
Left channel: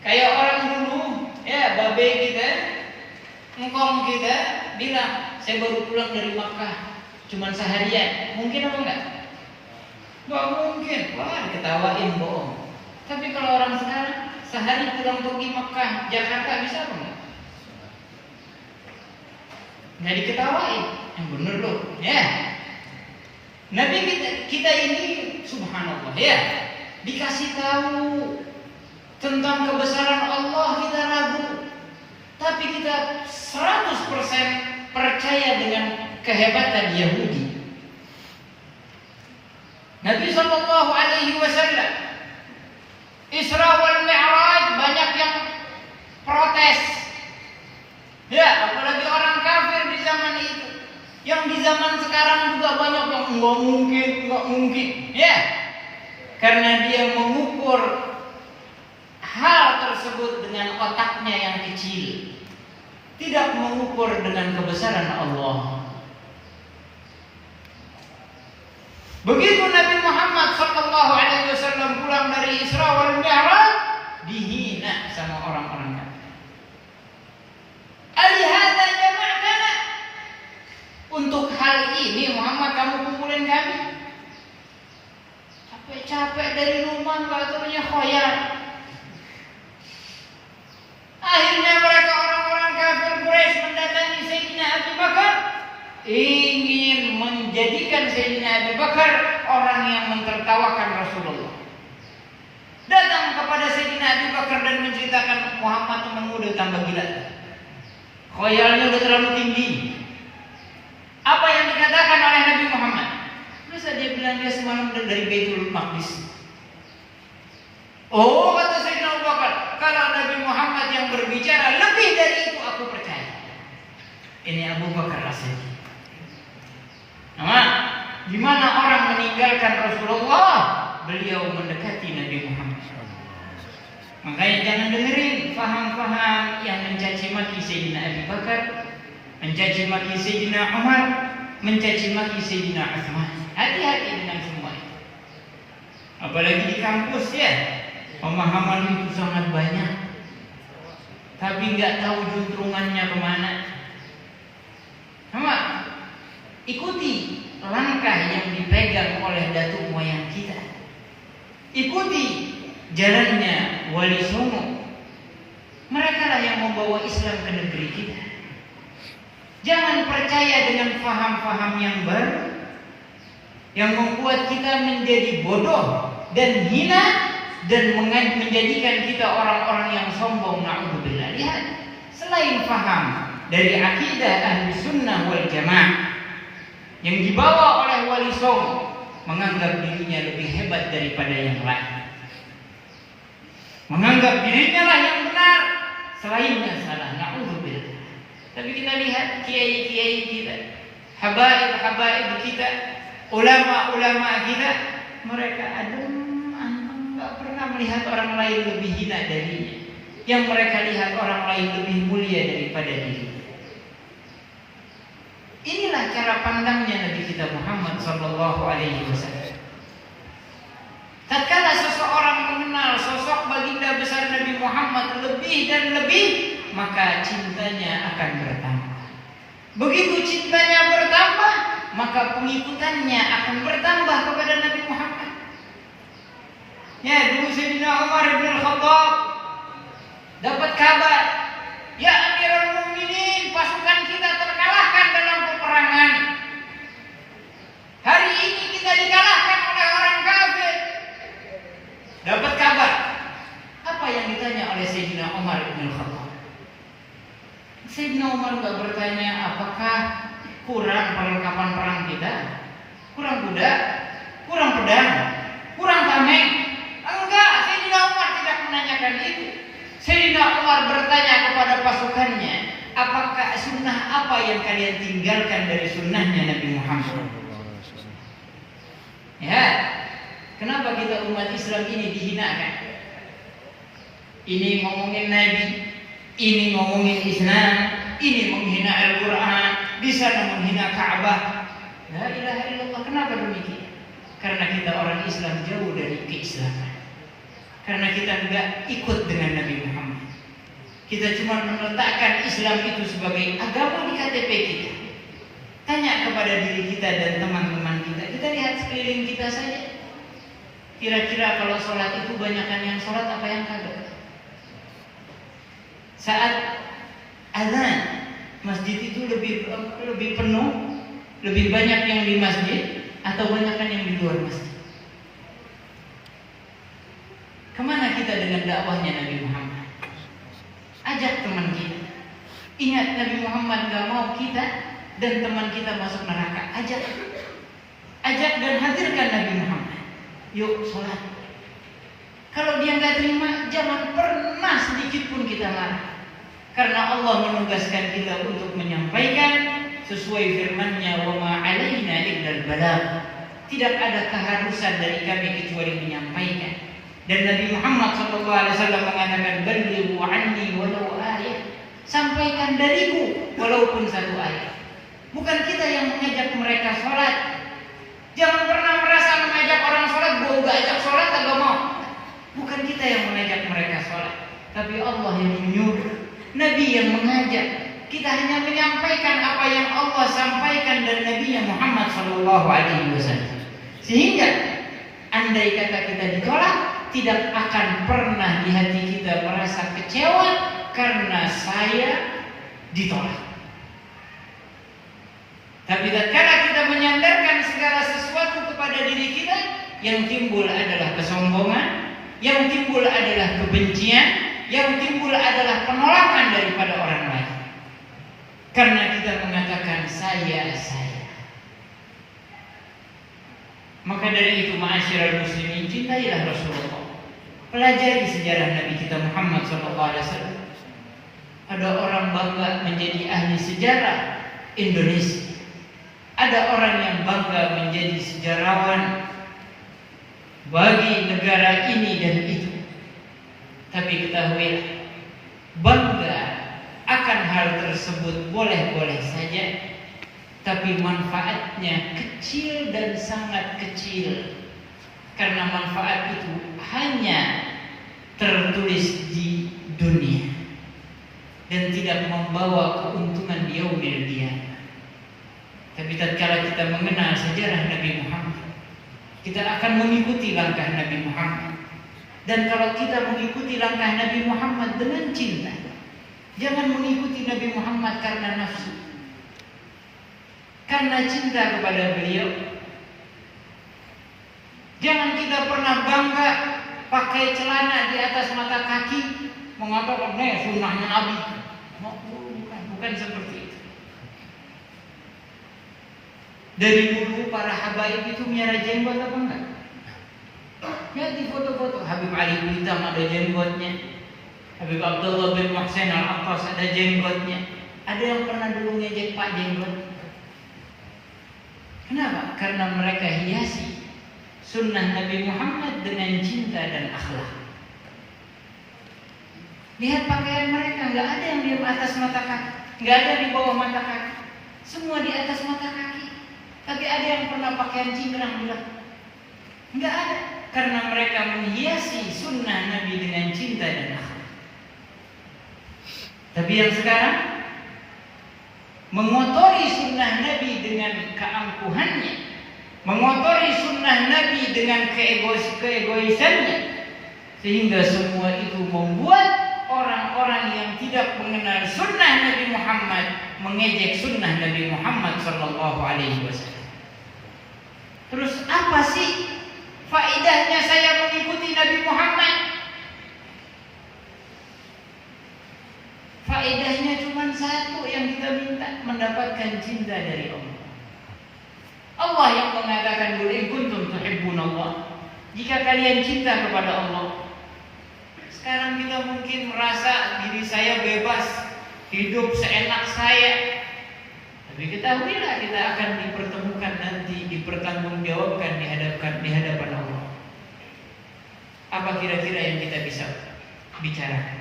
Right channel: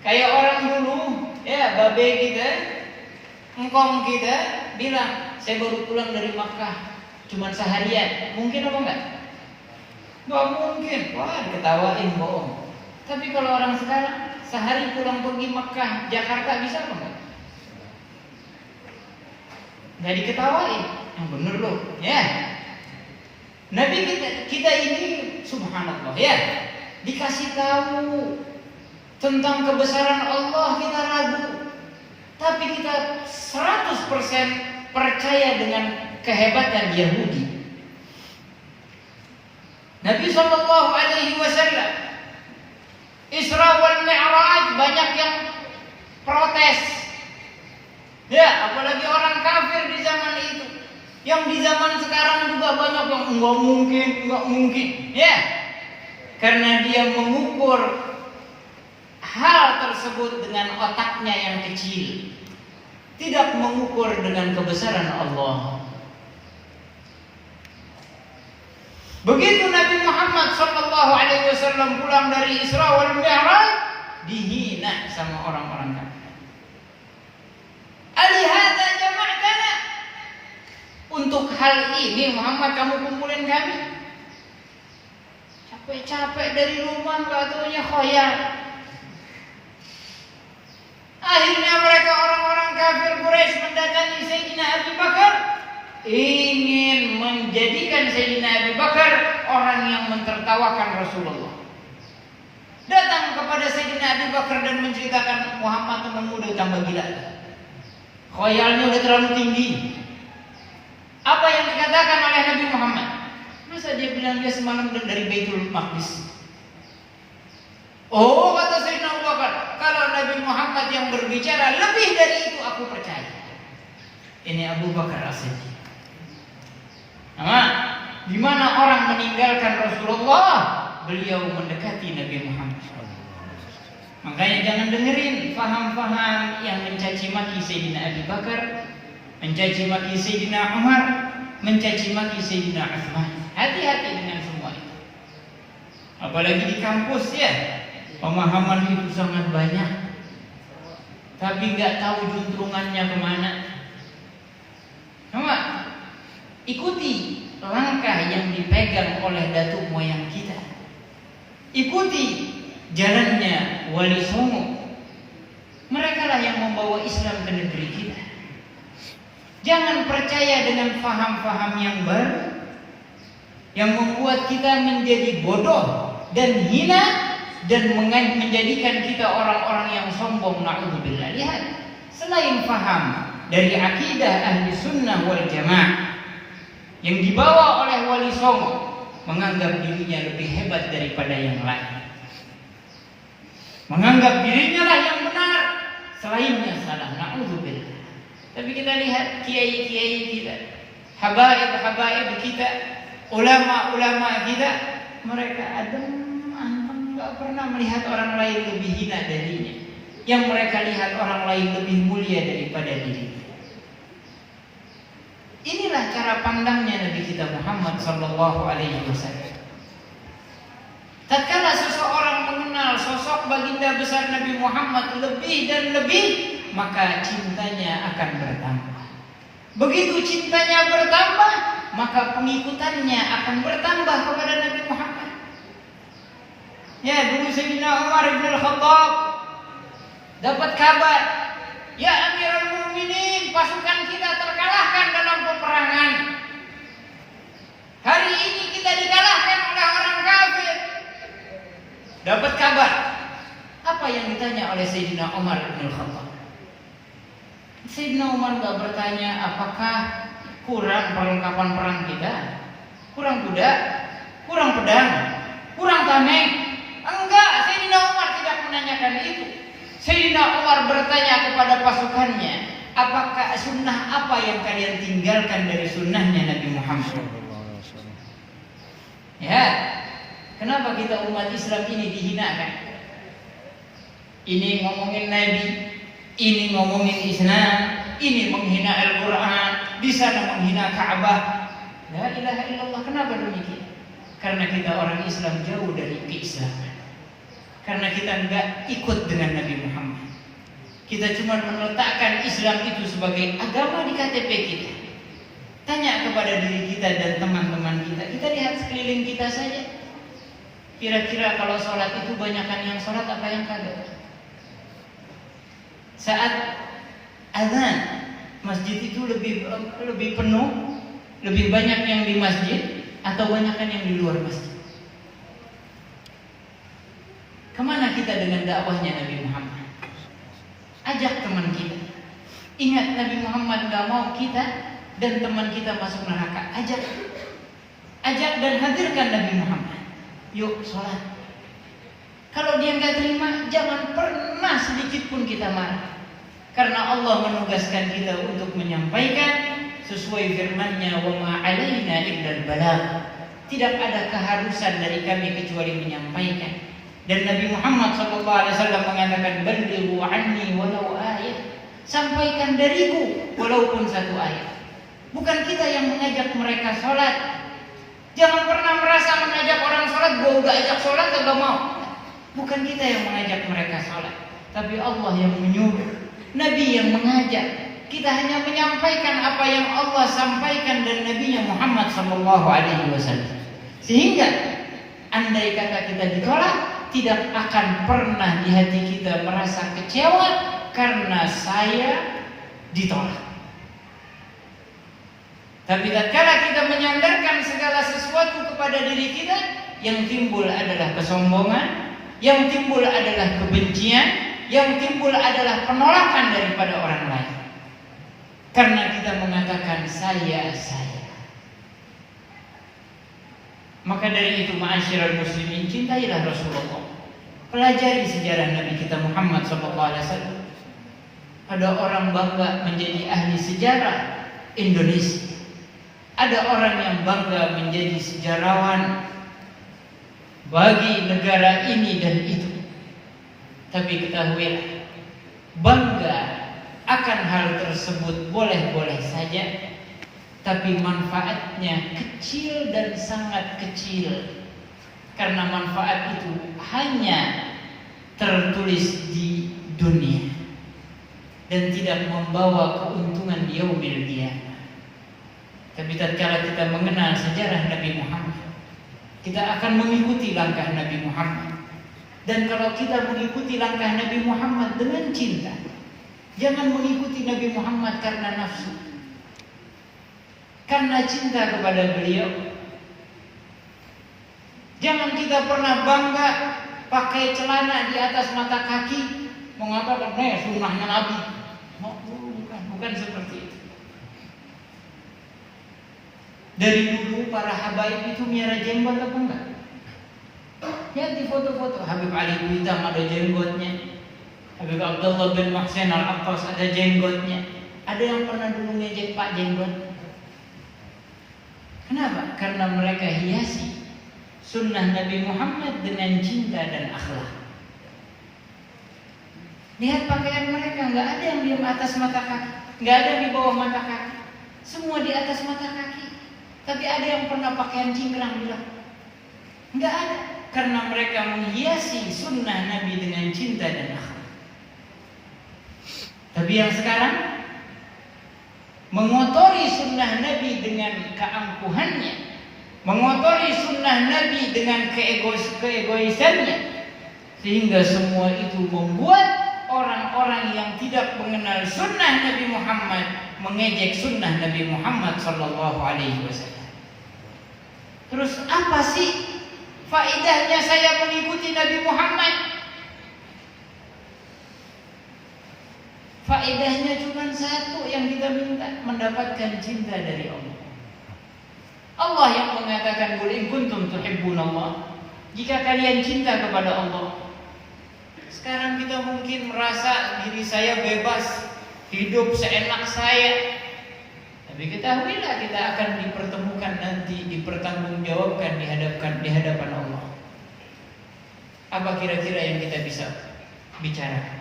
kayak orang dulu, ya, babe kita, engkong kita bilang, saya baru pulang dari Makkah, cuman seharian. Mungkin apa enggak? Enggak mungkin. Wah, ketawain, bohong. Tapi kalau orang sekarang sehari pulang pergi Makkah, Jakarta, bisa apa enggak? Enggak diketawain. Yang bener loh, ya. Nabi kita ini subhanallah, ya, dikasih tahu tentang kebesaran Allah kita ragu, tapi kita 100% percaya dengan kehebatan Yahudi. Nabi sallallahu alaihi wasallam Isra wal Mi'raj banyak yang protes. Ya, apalagi orang kafir di zaman itu. Yang di zaman sekarang juga banyak yang enggak mungkin. Ya. Karena dia mengukur hal tersebut dengan otaknya yang kecil, tidak mengukur dengan kebesaran Allah. Begitu Nabi Muhammad sallallahu alaihi wasallam pulang dari Isra wal Mi'raj, dihina sama orang-orang kafir. Alihada jama'tana, untuk hal ini Muhammad kamu kumpulin kami? Capek-capek dari rumah katanya khoyal. Akhirnya mereka orang-orang kafir Quraisy mendatangi Sayyidina Abu Bakar, ingin menjadikan Sayyidina Abu Bakar orang yang mentertawakan Rasulullah. Datang kepada Sayyidina Abu Bakar dan menceritakan, Muhammad temanmu udah tambah gila, khoyalnya udah terlalu tinggi. Apa yang dikatakan oleh Nabi Muhammad? Masa dia bilang dia semalam dari Baitul Maqdis? Oh, kata Sayyidina Abu Bakar, kalau Nabi Muhammad yang berbicara lebih dari itu aku percaya. Ini Abu Bakar As-Siddiq. Nah, gimana orang meninggalkan Rasulullah, beliau mendekati Nabi Muhammad. Makanya jangan dengerin faham-faham yang mencaci maki Sayyidina Abu Bakar, mencaci maki Sayyidina Umar, mencaci maki Sayyidina Utsman. Hati-hati dengan semua itu. Apalagi di kampus ya, pemahaman itu sangat banyak, tapi nggak tahu juntrungannya kemana. Sama, ikuti langkah yang dipegang oleh datuk moyang kita. Ikuti jalannya Wali Songo. Mereka lah yang membawa Islam ke negeri kita. Jangan percaya dengan faham-faham yang baru yang membuat kita menjadi bodoh dan hina dan menjadikan kita orang-orang yang sombong. Na'udzubillah. Lihat, selain faham dari akidah ahli sunnah wal jamaah yang dibawa oleh Wali Songo, menganggap dirinya lebih hebat daripada yang lain, menganggap dirinya lah yang benar, selainnya salah. Na'udzubillah. Tapi kita lihat kiai-kiai kita, habaib-habaib kita, ulama-ulama kita, mereka nggak pernah melihat orang lain lebih hina darinya. Yang mereka lihat orang lain lebih mulia daripada diri. Inilah cara pandangnya Nabi kita Muhammad sallallahu alaihi wasallam. Tatkala seseorang mengenal sosok baginda besar Nabi Muhammad lebih dan lebih, maka cintanya akan bertambah. Begitu cintanya bertambah, maka pengikutannya akan bertambah kepada Nabi Muhammad. Ya, dulu Sayyidina Umar bin Khattab dapat kabar, ya Amirul Mukminin, pasukan kita terkalahkan dalam peperangan. Hari ini kita dikalahkan oleh orang kafir. Dapat kabar. Apa yang ditanya oleh Sayyidina Umar bin Khattab? Sayyidina Umar enggak bertanya apakah kurang perlengkapan perang kita, kurang kuda, kurang pedang, kurang tameng. Enggak, Sayyidina Umar tidak menanyakan itu. Sayyidina Umar bertanya kepada pasukannya, apakah sunnah apa yang kalian tinggalkan dari sunnahnya Nabi Muhammad? Ya, kenapa kita umat Islam ini dihinakan? Ini ngomongin Nabi, ini ngomongin Islam, ini menghina Al-Quran, di sana menghina Ka'bah. La ilaha illallah. Kenapa demikian? Karena kita orang Islam jauh dari keislaman. Karena kita enggak ikut dengan Nabi Muhammad. Kita cuma meletakkan Islam itu sebagai agama di KTP kita. Tanya kepada diri kita dan teman-teman kita. Kita lihat sekeliling kita saja. Kira-kira kalau sholat itu banyakan yang sholat apa yang kagak? Saat azan, masjid itu lebih penuh, lebih banyak yang di masjid atau banyakan yang di luar masjid? Kemana kita dengan dakwahnya Nabi Muhammad? Ajak teman kita. Ingat Nabi Muhammad gak mau kita dan teman kita masuk neraka. Ajak dan hadirkan Nabi Muhammad. Yuk sholat. Kalau dia gak terima, jangan pernah sedikit pun kita marah. Karena Allah menugaskan kita untuk menyampaikan sesuai firman-Nya, wa ma 'alaina illal balagh. Tidak ada keharusan dari kami kecuali menyampaikan. Dan Nabi Muhammad SAW mengatakan, "Ballighu anni walau ayat." Sampaikan dariku walaupun satu ayat. Bukan kita yang mengajak mereka sholat. Jangan pernah merasa mengajak orang sholat, gue gak ajak sholat, gak mau. Bukan kita yang mengajak mereka sholat, tapi Allah yang menyuruh, Nabi yang mengajak. Kita hanya menyampaikan apa yang Allah sampaikan dari Nabi Muhammad SAW. Sehingga andai kata kita ditolak, tidak akan pernah di hati kita merasa kecewa karena saya ditolak. Tapi tatkala kita menyandarkan segala sesuatu kepada diri kita, yang timbul adalah kesombongan, yang timbul adalah kebencian, yang timbul adalah penolakan daripada orang lain. Karena kita mengatakan saya. Maka dari itu, ma'asyiral muslimin, cintailah Rasulullah. Pelajari sejarah Nabi kita Muhammad SAW. Ada orang bangga menjadi ahli sejarah Indonesia. Ada orang yang bangga menjadi sejarawan bagi negara ini dan itu. Tapi ketahuilah, bangga akan hal tersebut boleh-boleh saja, tapi manfaatnya kecil dan sangat kecil. Karena manfaat itu hanya tertulis di dunia dan tidak membawa keuntungan di yaumil qiyamah. Tapi tatkala kita mengenal sejarah Nabi Muhammad, kita akan mengikuti langkah Nabi Muhammad. Dan kalau kita mengikuti langkah Nabi Muhammad dengan cinta, jangan mengikuti Nabi Muhammad karena nafsu, karena cinta kepada beliau. Jangan kita pernah bangga pakai celana di atas mata kaki, mengatakan sunnahnya Nabi. Bukan seperti itu. Dari dulu para habaib itu miara jenggot apa enggak? Lihat di foto-foto, Habib Ali Hitam ada jenggotnya, Habib Abdullah bin Muhsin Al-Abbas ada jenggotnya. Ada yang pernah dulu ngejek Pak Jenggot. Kenapa? Karena mereka hiasi sunnah Nabi Muhammad dengan cinta dan akhlak. Lihat pakaian mereka, nggak ada yang di atas mata kaki, nggak ada di bawah mata kaki, semua di atas mata kaki. Tapi ada yang pernah pakaian cingkrang bilang? Nggak ada, karena mereka menghiasi sunnah Nabi dengan cinta dan akhlak. Tapi yang sekarang mengotori sunnah Nabi dengan keangkuhannya, mengotori sunnah Nabi dengan keegoisannya, sehingga semua itu membuat orang-orang yang tidak mengenal sunnah Nabi Muhammad mengejek sunnah Nabi Muhammad SAW. Terus apa sih faedahnya saya mengikuti Nabi Muhammad? Faedahnya cuma satu yang kita minta, mendapatkan cinta dari Allah. Allah yang mengatakan, "Qul in kuntum tuhibbunallah." Jika kalian cinta kepada Allah. Sekarang kita mungkin merasa diri saya bebas, hidup seenak saya. Tapi ketahuilah kita akan dipertemukan nanti, dipertanggungjawabkan di hadapan Allah. Apa kira-kira yang kita bisa bicarakan?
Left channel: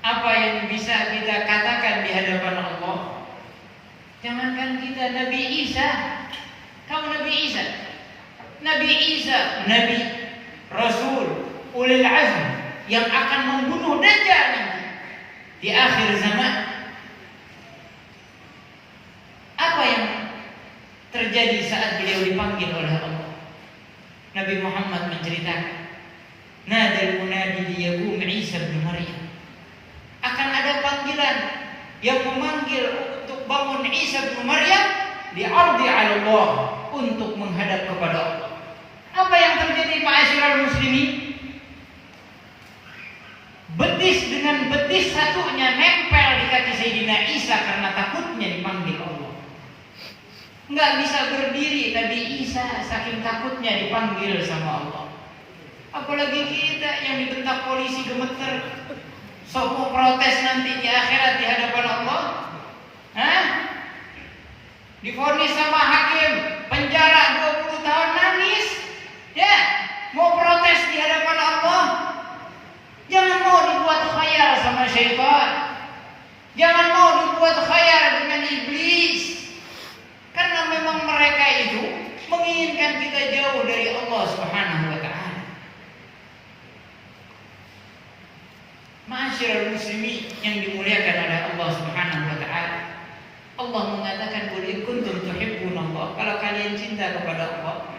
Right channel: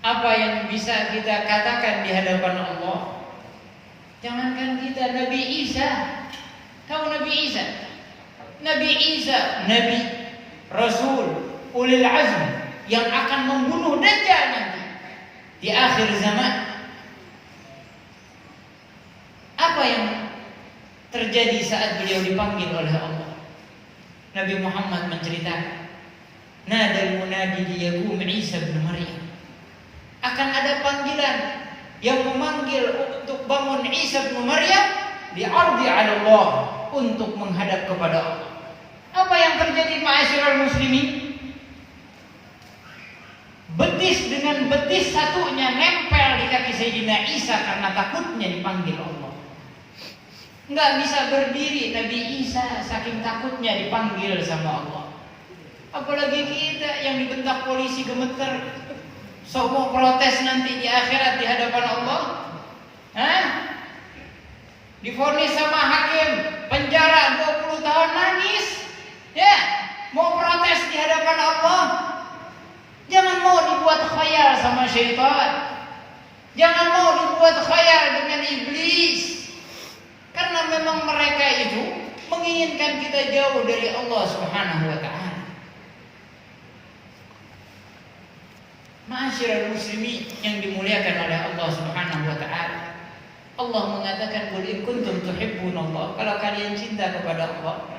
Apa yang bisa kita katakan di hadapan Allah? Jangankan kita, Nabi Isa. Kamu Nabi Isa? Nabi Isa, Nabi, Rasul, ulil azm yang akan membunuh Dajjal nanti di akhir zaman. Apa yang terjadi saat beliau dipanggil oleh Allah? Nabi Muhammad menceritakan, nadal munadi liyaqum Isa bin Maryam. Akan ada panggilan yang memanggil untuk bangun Isa bin Maryam di'ardi 'ala Allah, untuk menghadap kepada Allah. Apa yang terjadi ma'asyiral muslimin? Betis dengan betis satunya nempel di kaki Sayyidina Isa karena takutnya dipanggil Allah. Enggak bisa berdiri Nabi Isa saking takutnya dipanggil sama Allah. Apalagi kita yang dibentak polisi gemeter, sok protes nanti di akhirat di hadapan Allah. Divonis sama hakim penjara 20 tahun, nangis. sama syaitan. Jangan mau dibuat khayal dengan iblis. Karena memang mereka itu menginginkan kita jauh dari Allah Subhanahu wa taala. Ma'asyiral muslimin yang dimuliakan oleh Allah Subhanahu wa taala. Allah mengatakan, "Qul in kuntum tuhibbunallah." Kalau kalian cinta kepada Allah.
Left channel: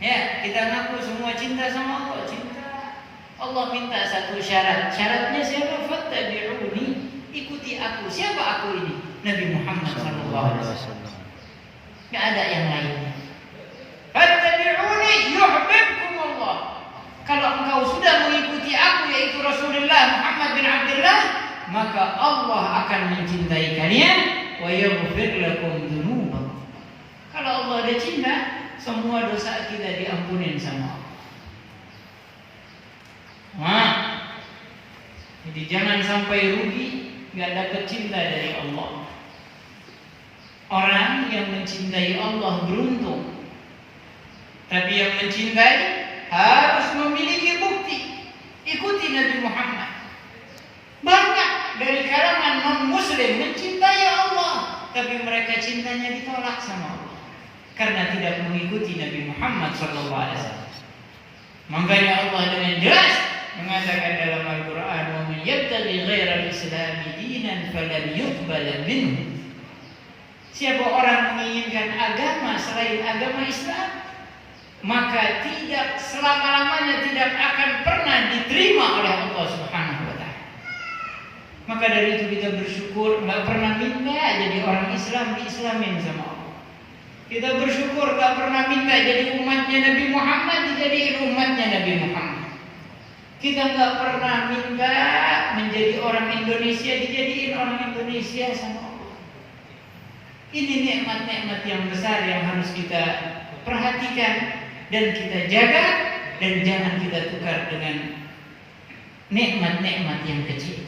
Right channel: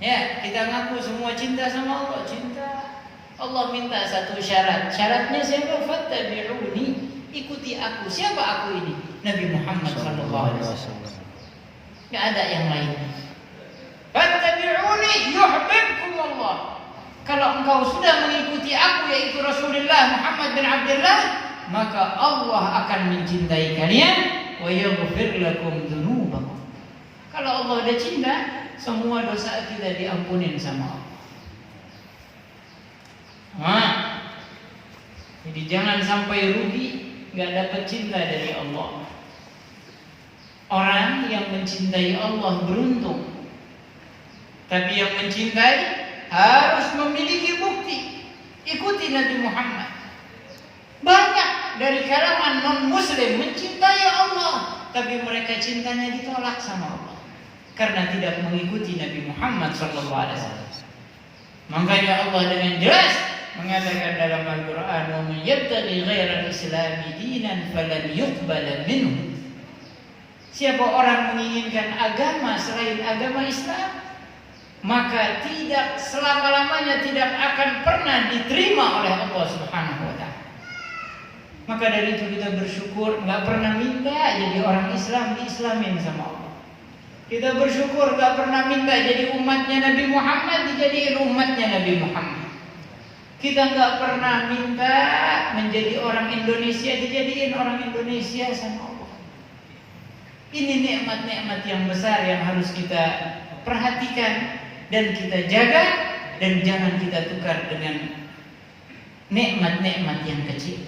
Ya, kita ngaku semua cinta sama Allah, cinta. Allah minta satu syarat. Syaratnya siapa? Fattabi'uni. Ikuti aku. Siapa aku ini? Nabi Muhammad sallallahu alaihi wasallam. Enggak ada yang lain. Fattabi'uni yuhibbukum Allah. Kalau engkau sudah mengikuti aku, yaitu Rasulullah Muhammad bin Abdullah, maka Allah akan mencintai kalian wa yaghfir lakum dzunubakum. Kalau Allah ada cinta, semua dosa kita diampunin sama Allah. Nah, jadi jangan sampai rugi nggak dapat cinta dari Allah. Orang yang mencintai Allah beruntung. Tapi yang mencintai harus memiliki bukti. Ikuti Nabi Muhammad. Banyak dari kalangan non-muslim mencintai Allah, tapi mereka cintanya ditolak sama Allah karena tidak mengikuti Nabi Muhammad SAW. Makanya Allah dengan jelas mengatakan dalam Al-Quran, "Wa man yabtaghi ghairal Islami dinan falan yuqbala minhu." Siapa orang menginginkan agama selain agama Islam, maka tidak selama-lamanya tidak akan pernah diterima oleh Allah Subhanahu wa taala. Maka dari itu kita bersyukur, nggak pernah minta jadi orang Islam diislamin sama Allah. Kita bersyukur nggak pernah minta jadi umatnya Nabi Muhammad dijadiin umatnya Nabi Muhammad. Kita nggak pernah minta menjadi orang Indonesia dijadiin orang Indonesia sama Allah. Ini nikmat-nikmat yang besar yang harus kita perhatikan dan kita jaga, dan jangan kita tukar dengan nikmat-nikmat yang kecil.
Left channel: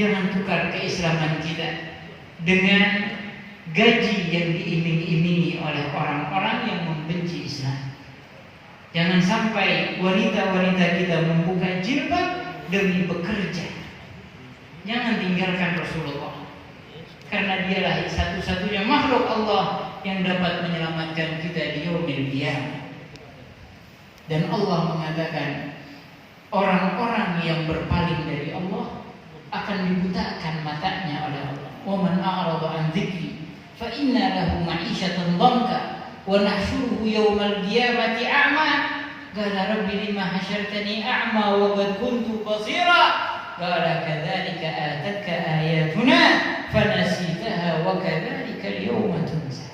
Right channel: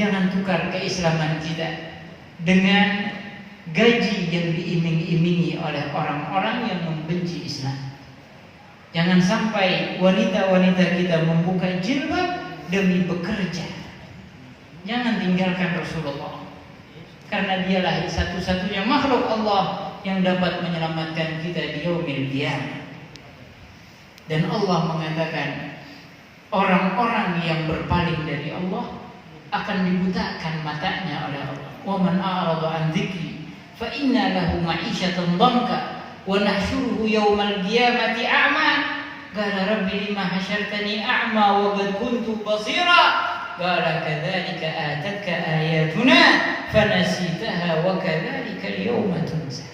Jangan tukar keislaman kita dengan gaji yang diiming-imingi oleh orang-orang yang membenci Islam. Jangan sampai wanita-wanita kita membuka jilbab demi bekerja. Jangan tinggalkan Rasulullah, karena dialah satu-satunya makhluk Allah yang dapat menyelamatkan kita di yaumil qiyamah. Dan Allah mengatakan, orang-orang yang berpaling dari Allah akan dibutakan matanya oleh Allah. Wa man a'rada an dzikri fa inna lahu ma'isyatan dhanka wa nahsyuruhu yaumal qiyamati a'ma. Qala rabbi lima hasyartani a'ma wa qad kuntu basira. Qala kadzalika atatka ayatuna fanasitaha wa kadzalika al-yawma tunsa.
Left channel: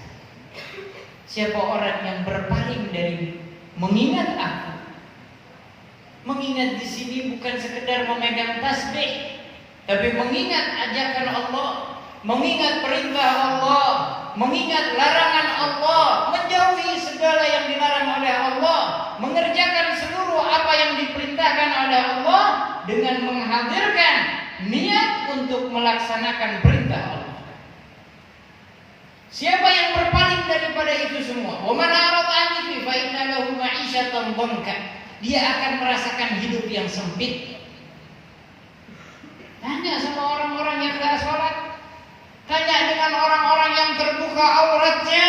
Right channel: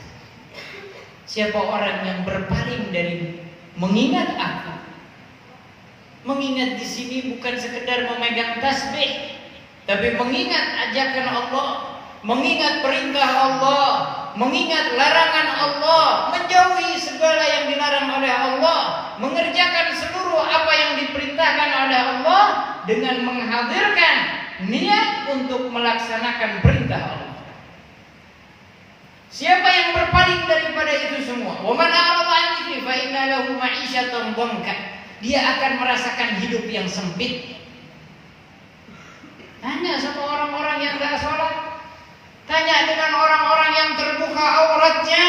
Siapa orang yang berpaling dari mengingat aku. Mengingat di sini bukan sekedar memegang tasbih, tapi mengingat ajakan Allah, mengingat perintah Allah, mengingat larangan Allah, menjauhi segala yang dilarang oleh Allah, mengerjakan seluruh apa yang diperintahkan oleh Allah dengan menghadirkan niat untuk melaksanakan perintah Allah. Siapa yang berpaling daripada itu semua, wa man a'rada 'an dzikri fa inna lahu ma'isyatan dhanka, dia akan merasakan hidup yang sempit. Tanya sama orang-orang yang tidak sholat, tanya dengan orang-orang yang terbuka auratnya,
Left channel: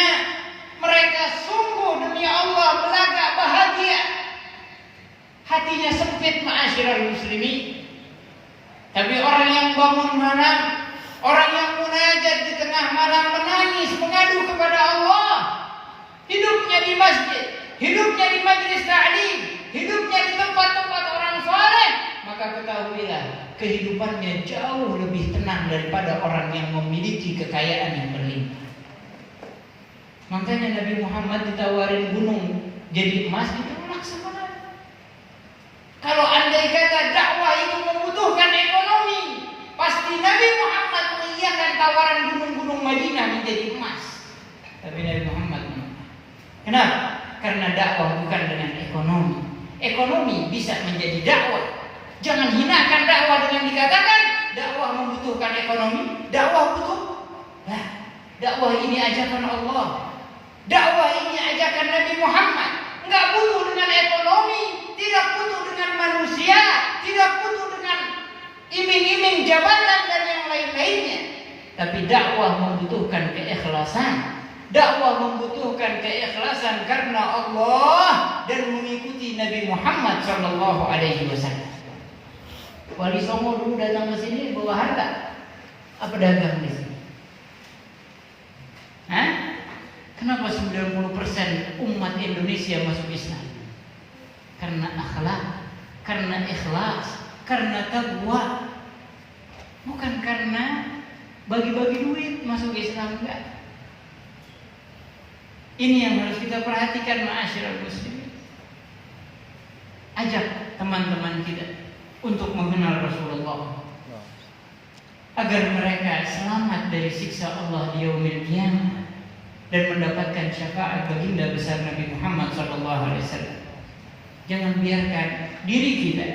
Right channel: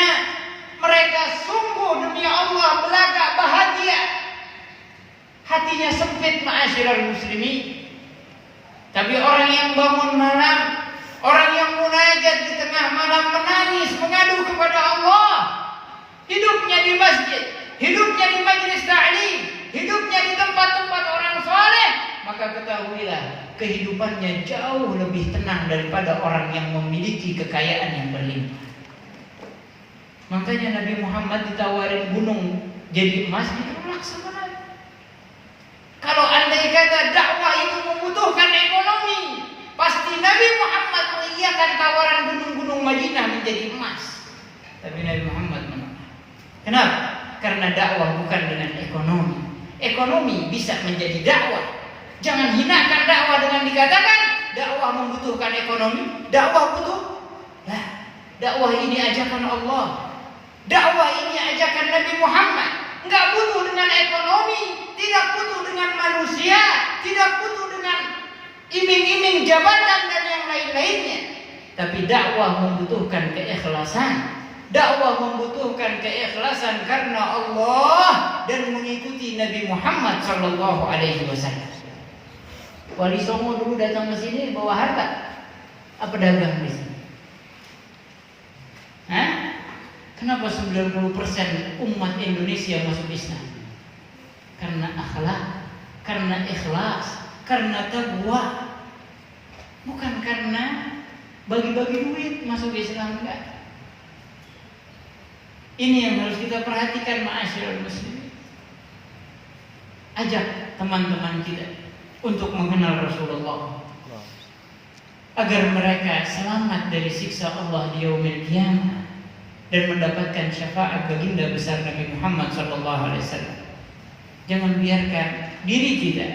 mereka sungguh demi Allah belaga bahagia, hatinya sempit, ma'asyiral muslimin. Tapi orang yang bangun malam, orang yang munajat di tengah malam menangis mengadu kepada Allah, hidupnya di masjid, hidupnya di majlis ta'lim, hidupnya di tempat-tempat orang saleh, maka ketahuilah kehidupannya jauh lebih tenang daripada orang yang memiliki kekayaan yang berlimpah. Makanya Nabi Muhammad ditawarin gunung jadi emas, ditolak sama Nabi. Kalau andai kata dakwah itu membutuhkan ekonomi, pasti Nabi Muhammad mengiyakan tawaran gunung-gunung Madinah menjadi emas. Tapi Nabi Muhammad menolak. Kenapa? Karena dakwah bukan dengan ekonomi. Ekonomi bisa menjadi dakwah. Jangan hinakan dakwah dengan dikatakan dakwah membutuhkan ekonomi. Dakwah butuh. Nah, dakwah ini ajakan Allah. Dakwah ini ajakan Nabi Muhammad. Enggak butuh dengan ekonomi, tidak butuh dengan manusia, tidak butuh dengan jabatan dan yang lain-lainnya. Tapi dakwah membutuhkan keikhlasan. Dakwah membutuhkan keikhlasan karena Allah dan mengikuti Nabi Muhammad sallallahu alaihi wasallam. Wali Songo dulu datang ke sini bawa harta. Apa dagang di sini? Hah? Kenapa 90% umat Indonesia masuk Islam? Karena akhlak, karena ikhlas, karena taqwa. Bukan karena bagi-bagi duit masuk Islam, enggak. Ini yang harus kita perhatikan, ma'asyiral muslimin. Ajak teman-teman kita untuk mengenal Rasulullah agar mereka selamat dari siksa Allah di yaumil qiyamah dan mendapatkan syafaat baginda besar Nabi Muhammad SAW. Jangan biarkan diri kita,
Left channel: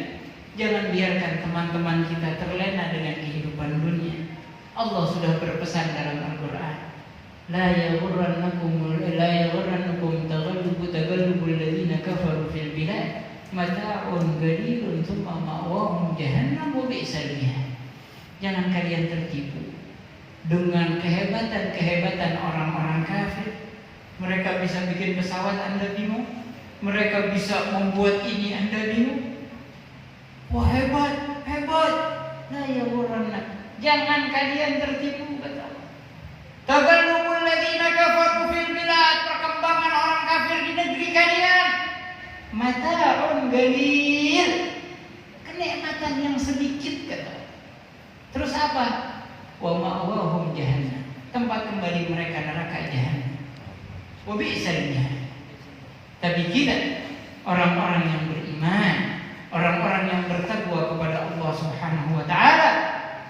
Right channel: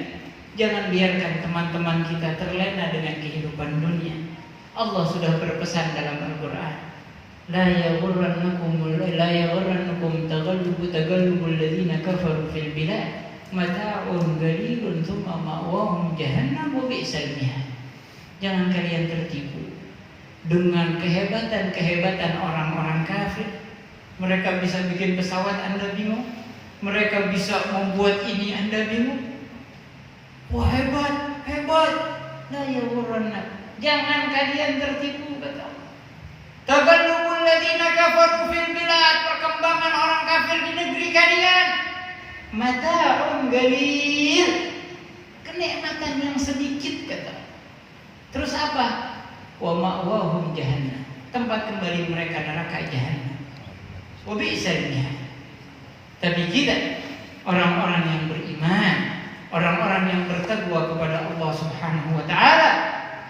jangan biarkan teman-teman kita terlena dengan kehidupan dunia. Allah sudah berpesan dalam Al-Quran, La yaghurrannakum tagallubul ladzina kafaru fil bilad mata'un qalilun thumma ma'wahum jahannam wa bi'sal mihad. Jangan kalian tertipu dengan kehebatan orang-orang kafir. Mereka bisa bikin pesawat, Anda bingung. Mereka bisa membuat ini, Anda bingung. Wah, hebat. La yaghurrannakum. Jangan kalian tertipu, kata Allah. Tagallubul ladzina kafaru fil bilad, perkembangan orang kafir di negeri kalian. Mata'un qalil, kenikmatan yang sedikit, kata. Terus apa? Wa ma'wahum jahannam, tempat kembali mereka neraka jahannam. Wa bi'sal mihad. Tapi kita, orang-orang yang beriman, orang-orang yang bertakwa kepada Allah Subhanahu wa taala,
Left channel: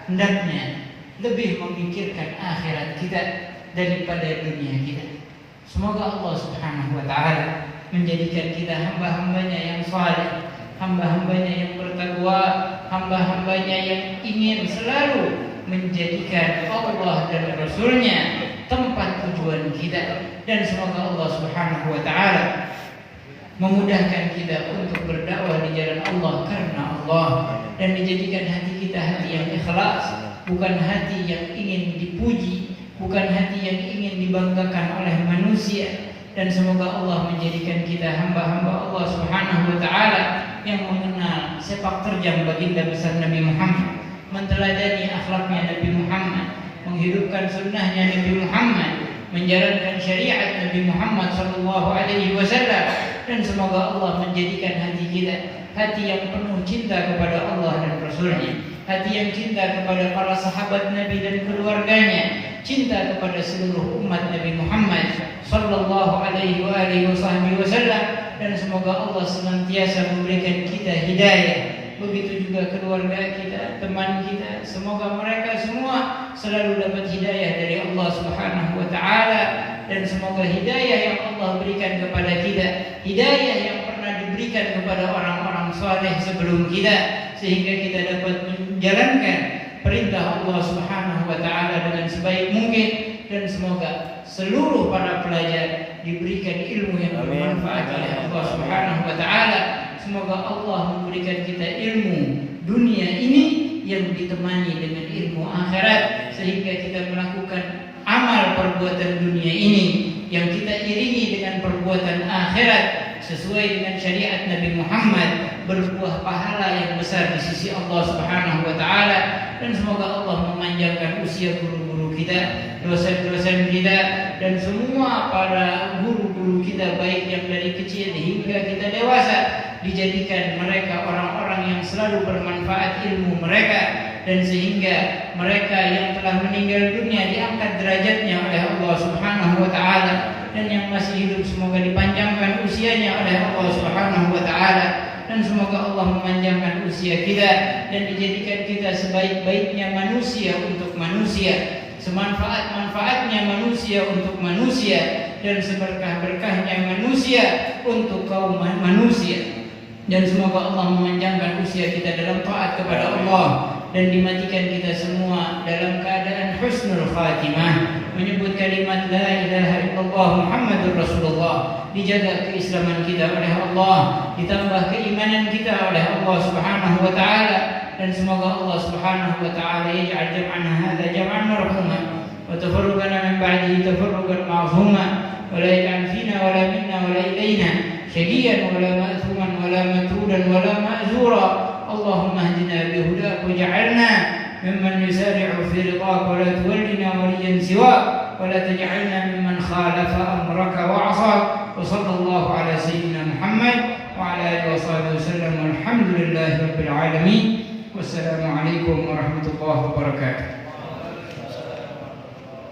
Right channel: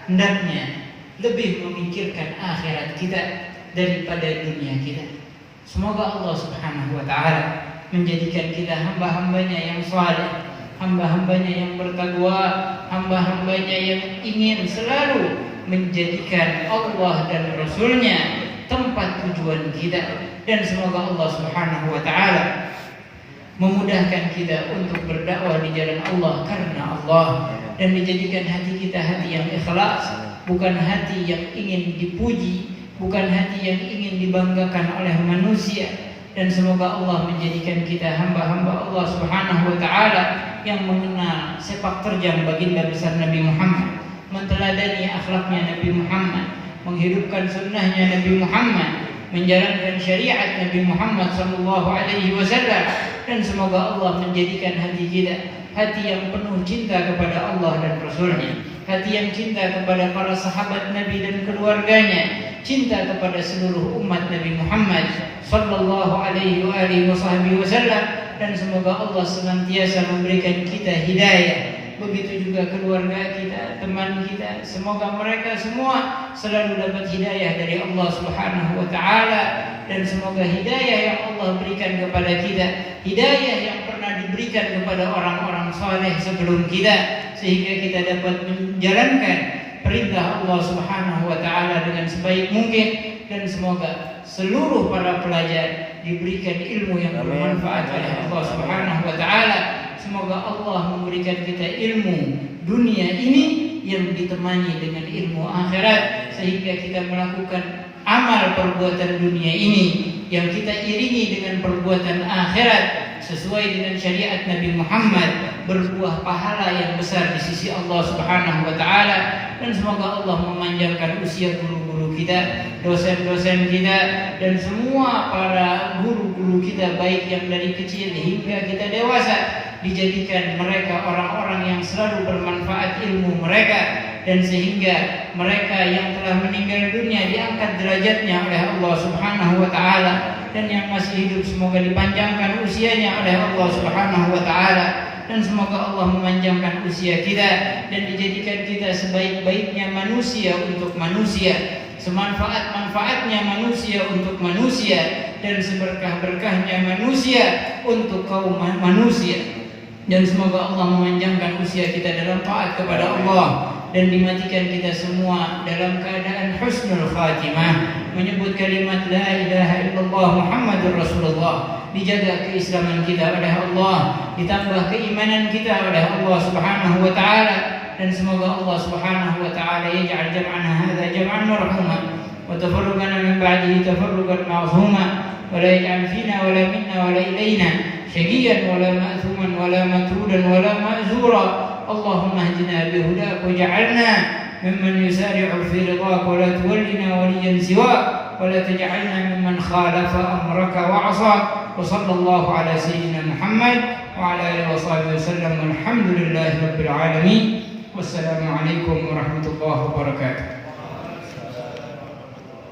hendaknya lebih memikirkan akhirat kita daripada dunia kita. Semoga Allah Subhanahu wa taala menjadikan kita hamba-hambanya yang saleh, hamba-hambanya yang bertakwa, hamba-hambanya yang ingin selalu menjadikan Allah dan Rasulnya tempat tujuan kita. Dan semoga Allah Subhanahu wa taala memudahkan kita untuk berdakwah di jalan Allah karena Allah, dan menjadikan hati kita hati yang ikhlas, bukan hati yang ingin dipuji, bukan hati yang ingin dibanggakan oleh manusia. Dan semoga Allah menjadikan kita hamba-hamba Allah Subhanahu wa taala yang mengenal sepak terjang baginda besar Nabi Muhammad, menteladani akhlaknya Nabi Muhammad, menghidupkan sunnahnya Nabi Muhammad, menjalankan syariat Nabi Muhammad sallallahu alaihi wasallam. Dan semoga Allah menjadikan hati kita hati yang penuh cinta kepada Allah dan Rasulnya, hati yang cinta kepada para sahabat Nabi dan keluarganya, cinta kepada seluruh umat Nabi Muhammad sallallahu alaihi wasallam. Dan semoga Allah senantiasa memberikan kita hidayah, begitu juga keluarga kita, teman kita. Semoga mereka semua selalu dapat hidayah dari Allah Subhanahu wa taala. Dan semoga hidayah yang Allah berikan kepada kita, hidayah yang pernah diberikan kepada orang-orang saleh sebelum kita, sehingga kita dapat menjalankan perintah Allah Subhanahu wa taala dengan sebaik mungkin. Dan semoga seluruh para pelajar diberikan ilmu yang bermanfaat oleh Allah Subhanahu wa taala. Semoga Allah memberikan kita ilmu dunia ini yang ditemani dengan ilmu akhirat, sehingga kita melakukan amal perbuatan dunia ini yang kita iringi dengan perbuatan akhirat sesuai dengan syariat Nabi Muhammad, berbuah pahala yang besar di sisi Allah Subhanahu wa taala. Dan semoga Allah memanjangkan usia guru-guru kita, dosen-dosen kita, dan semua para guru-guru kita, baik yang dari kecil hingga kita dewasa, dijadikan mereka orang-orang yang selalu bermanfaat ilmu mereka, dan sehingga mereka yang telah meninggal dunia diangkat derajatnya oleh Allah Subhanahu wa taala, dan yang masih hidup semoga dipanjangkan usianya oleh Allah Subhanahu wa taala. Dan semoga Allah memanjangkan usia kita dan dijadikan kita sebaik-baiknya manusia untuk manusia, semanfaat-manfaatnya manusia untuk manusia, dan seberkah-berkahnya manusia untuk kaum manusia. Dan semoga Allah memanjangkan usia kita dalam taat kepada Allah, dan dimatikan kita semua dalam keadaan husnul khatimah, menyebut kalimat la ilaha illallah Muhammadur Rasulullah. Dijaga keislaman kita oleh Allah, ditambah keimanan kita oleh Allah Subhanahu wa taala, dan semoga Allah Subhanahu wa taala yaj'al jam'ana hadza jam'an marhuma wa tafarruqana min ba'dihi tafarruqan ma'zuma wa la yaj'al fina wa la minna wa la ilayna shaqiyan wa la ma'thuman wa la matrudan wa la ma'zura. Allahumma hdina bi hudak waj'alna mimman yusari'u fi ridhak wa la tuwallina waliyan siwak ولا تجعلنا ممن خالف أمرك وعصاك وصلى الله على سيدنا محمد وعلى آله وصحبه وسلم والحمد لله رب العالمين والسلام عليكم ورحمة الله وبركاته.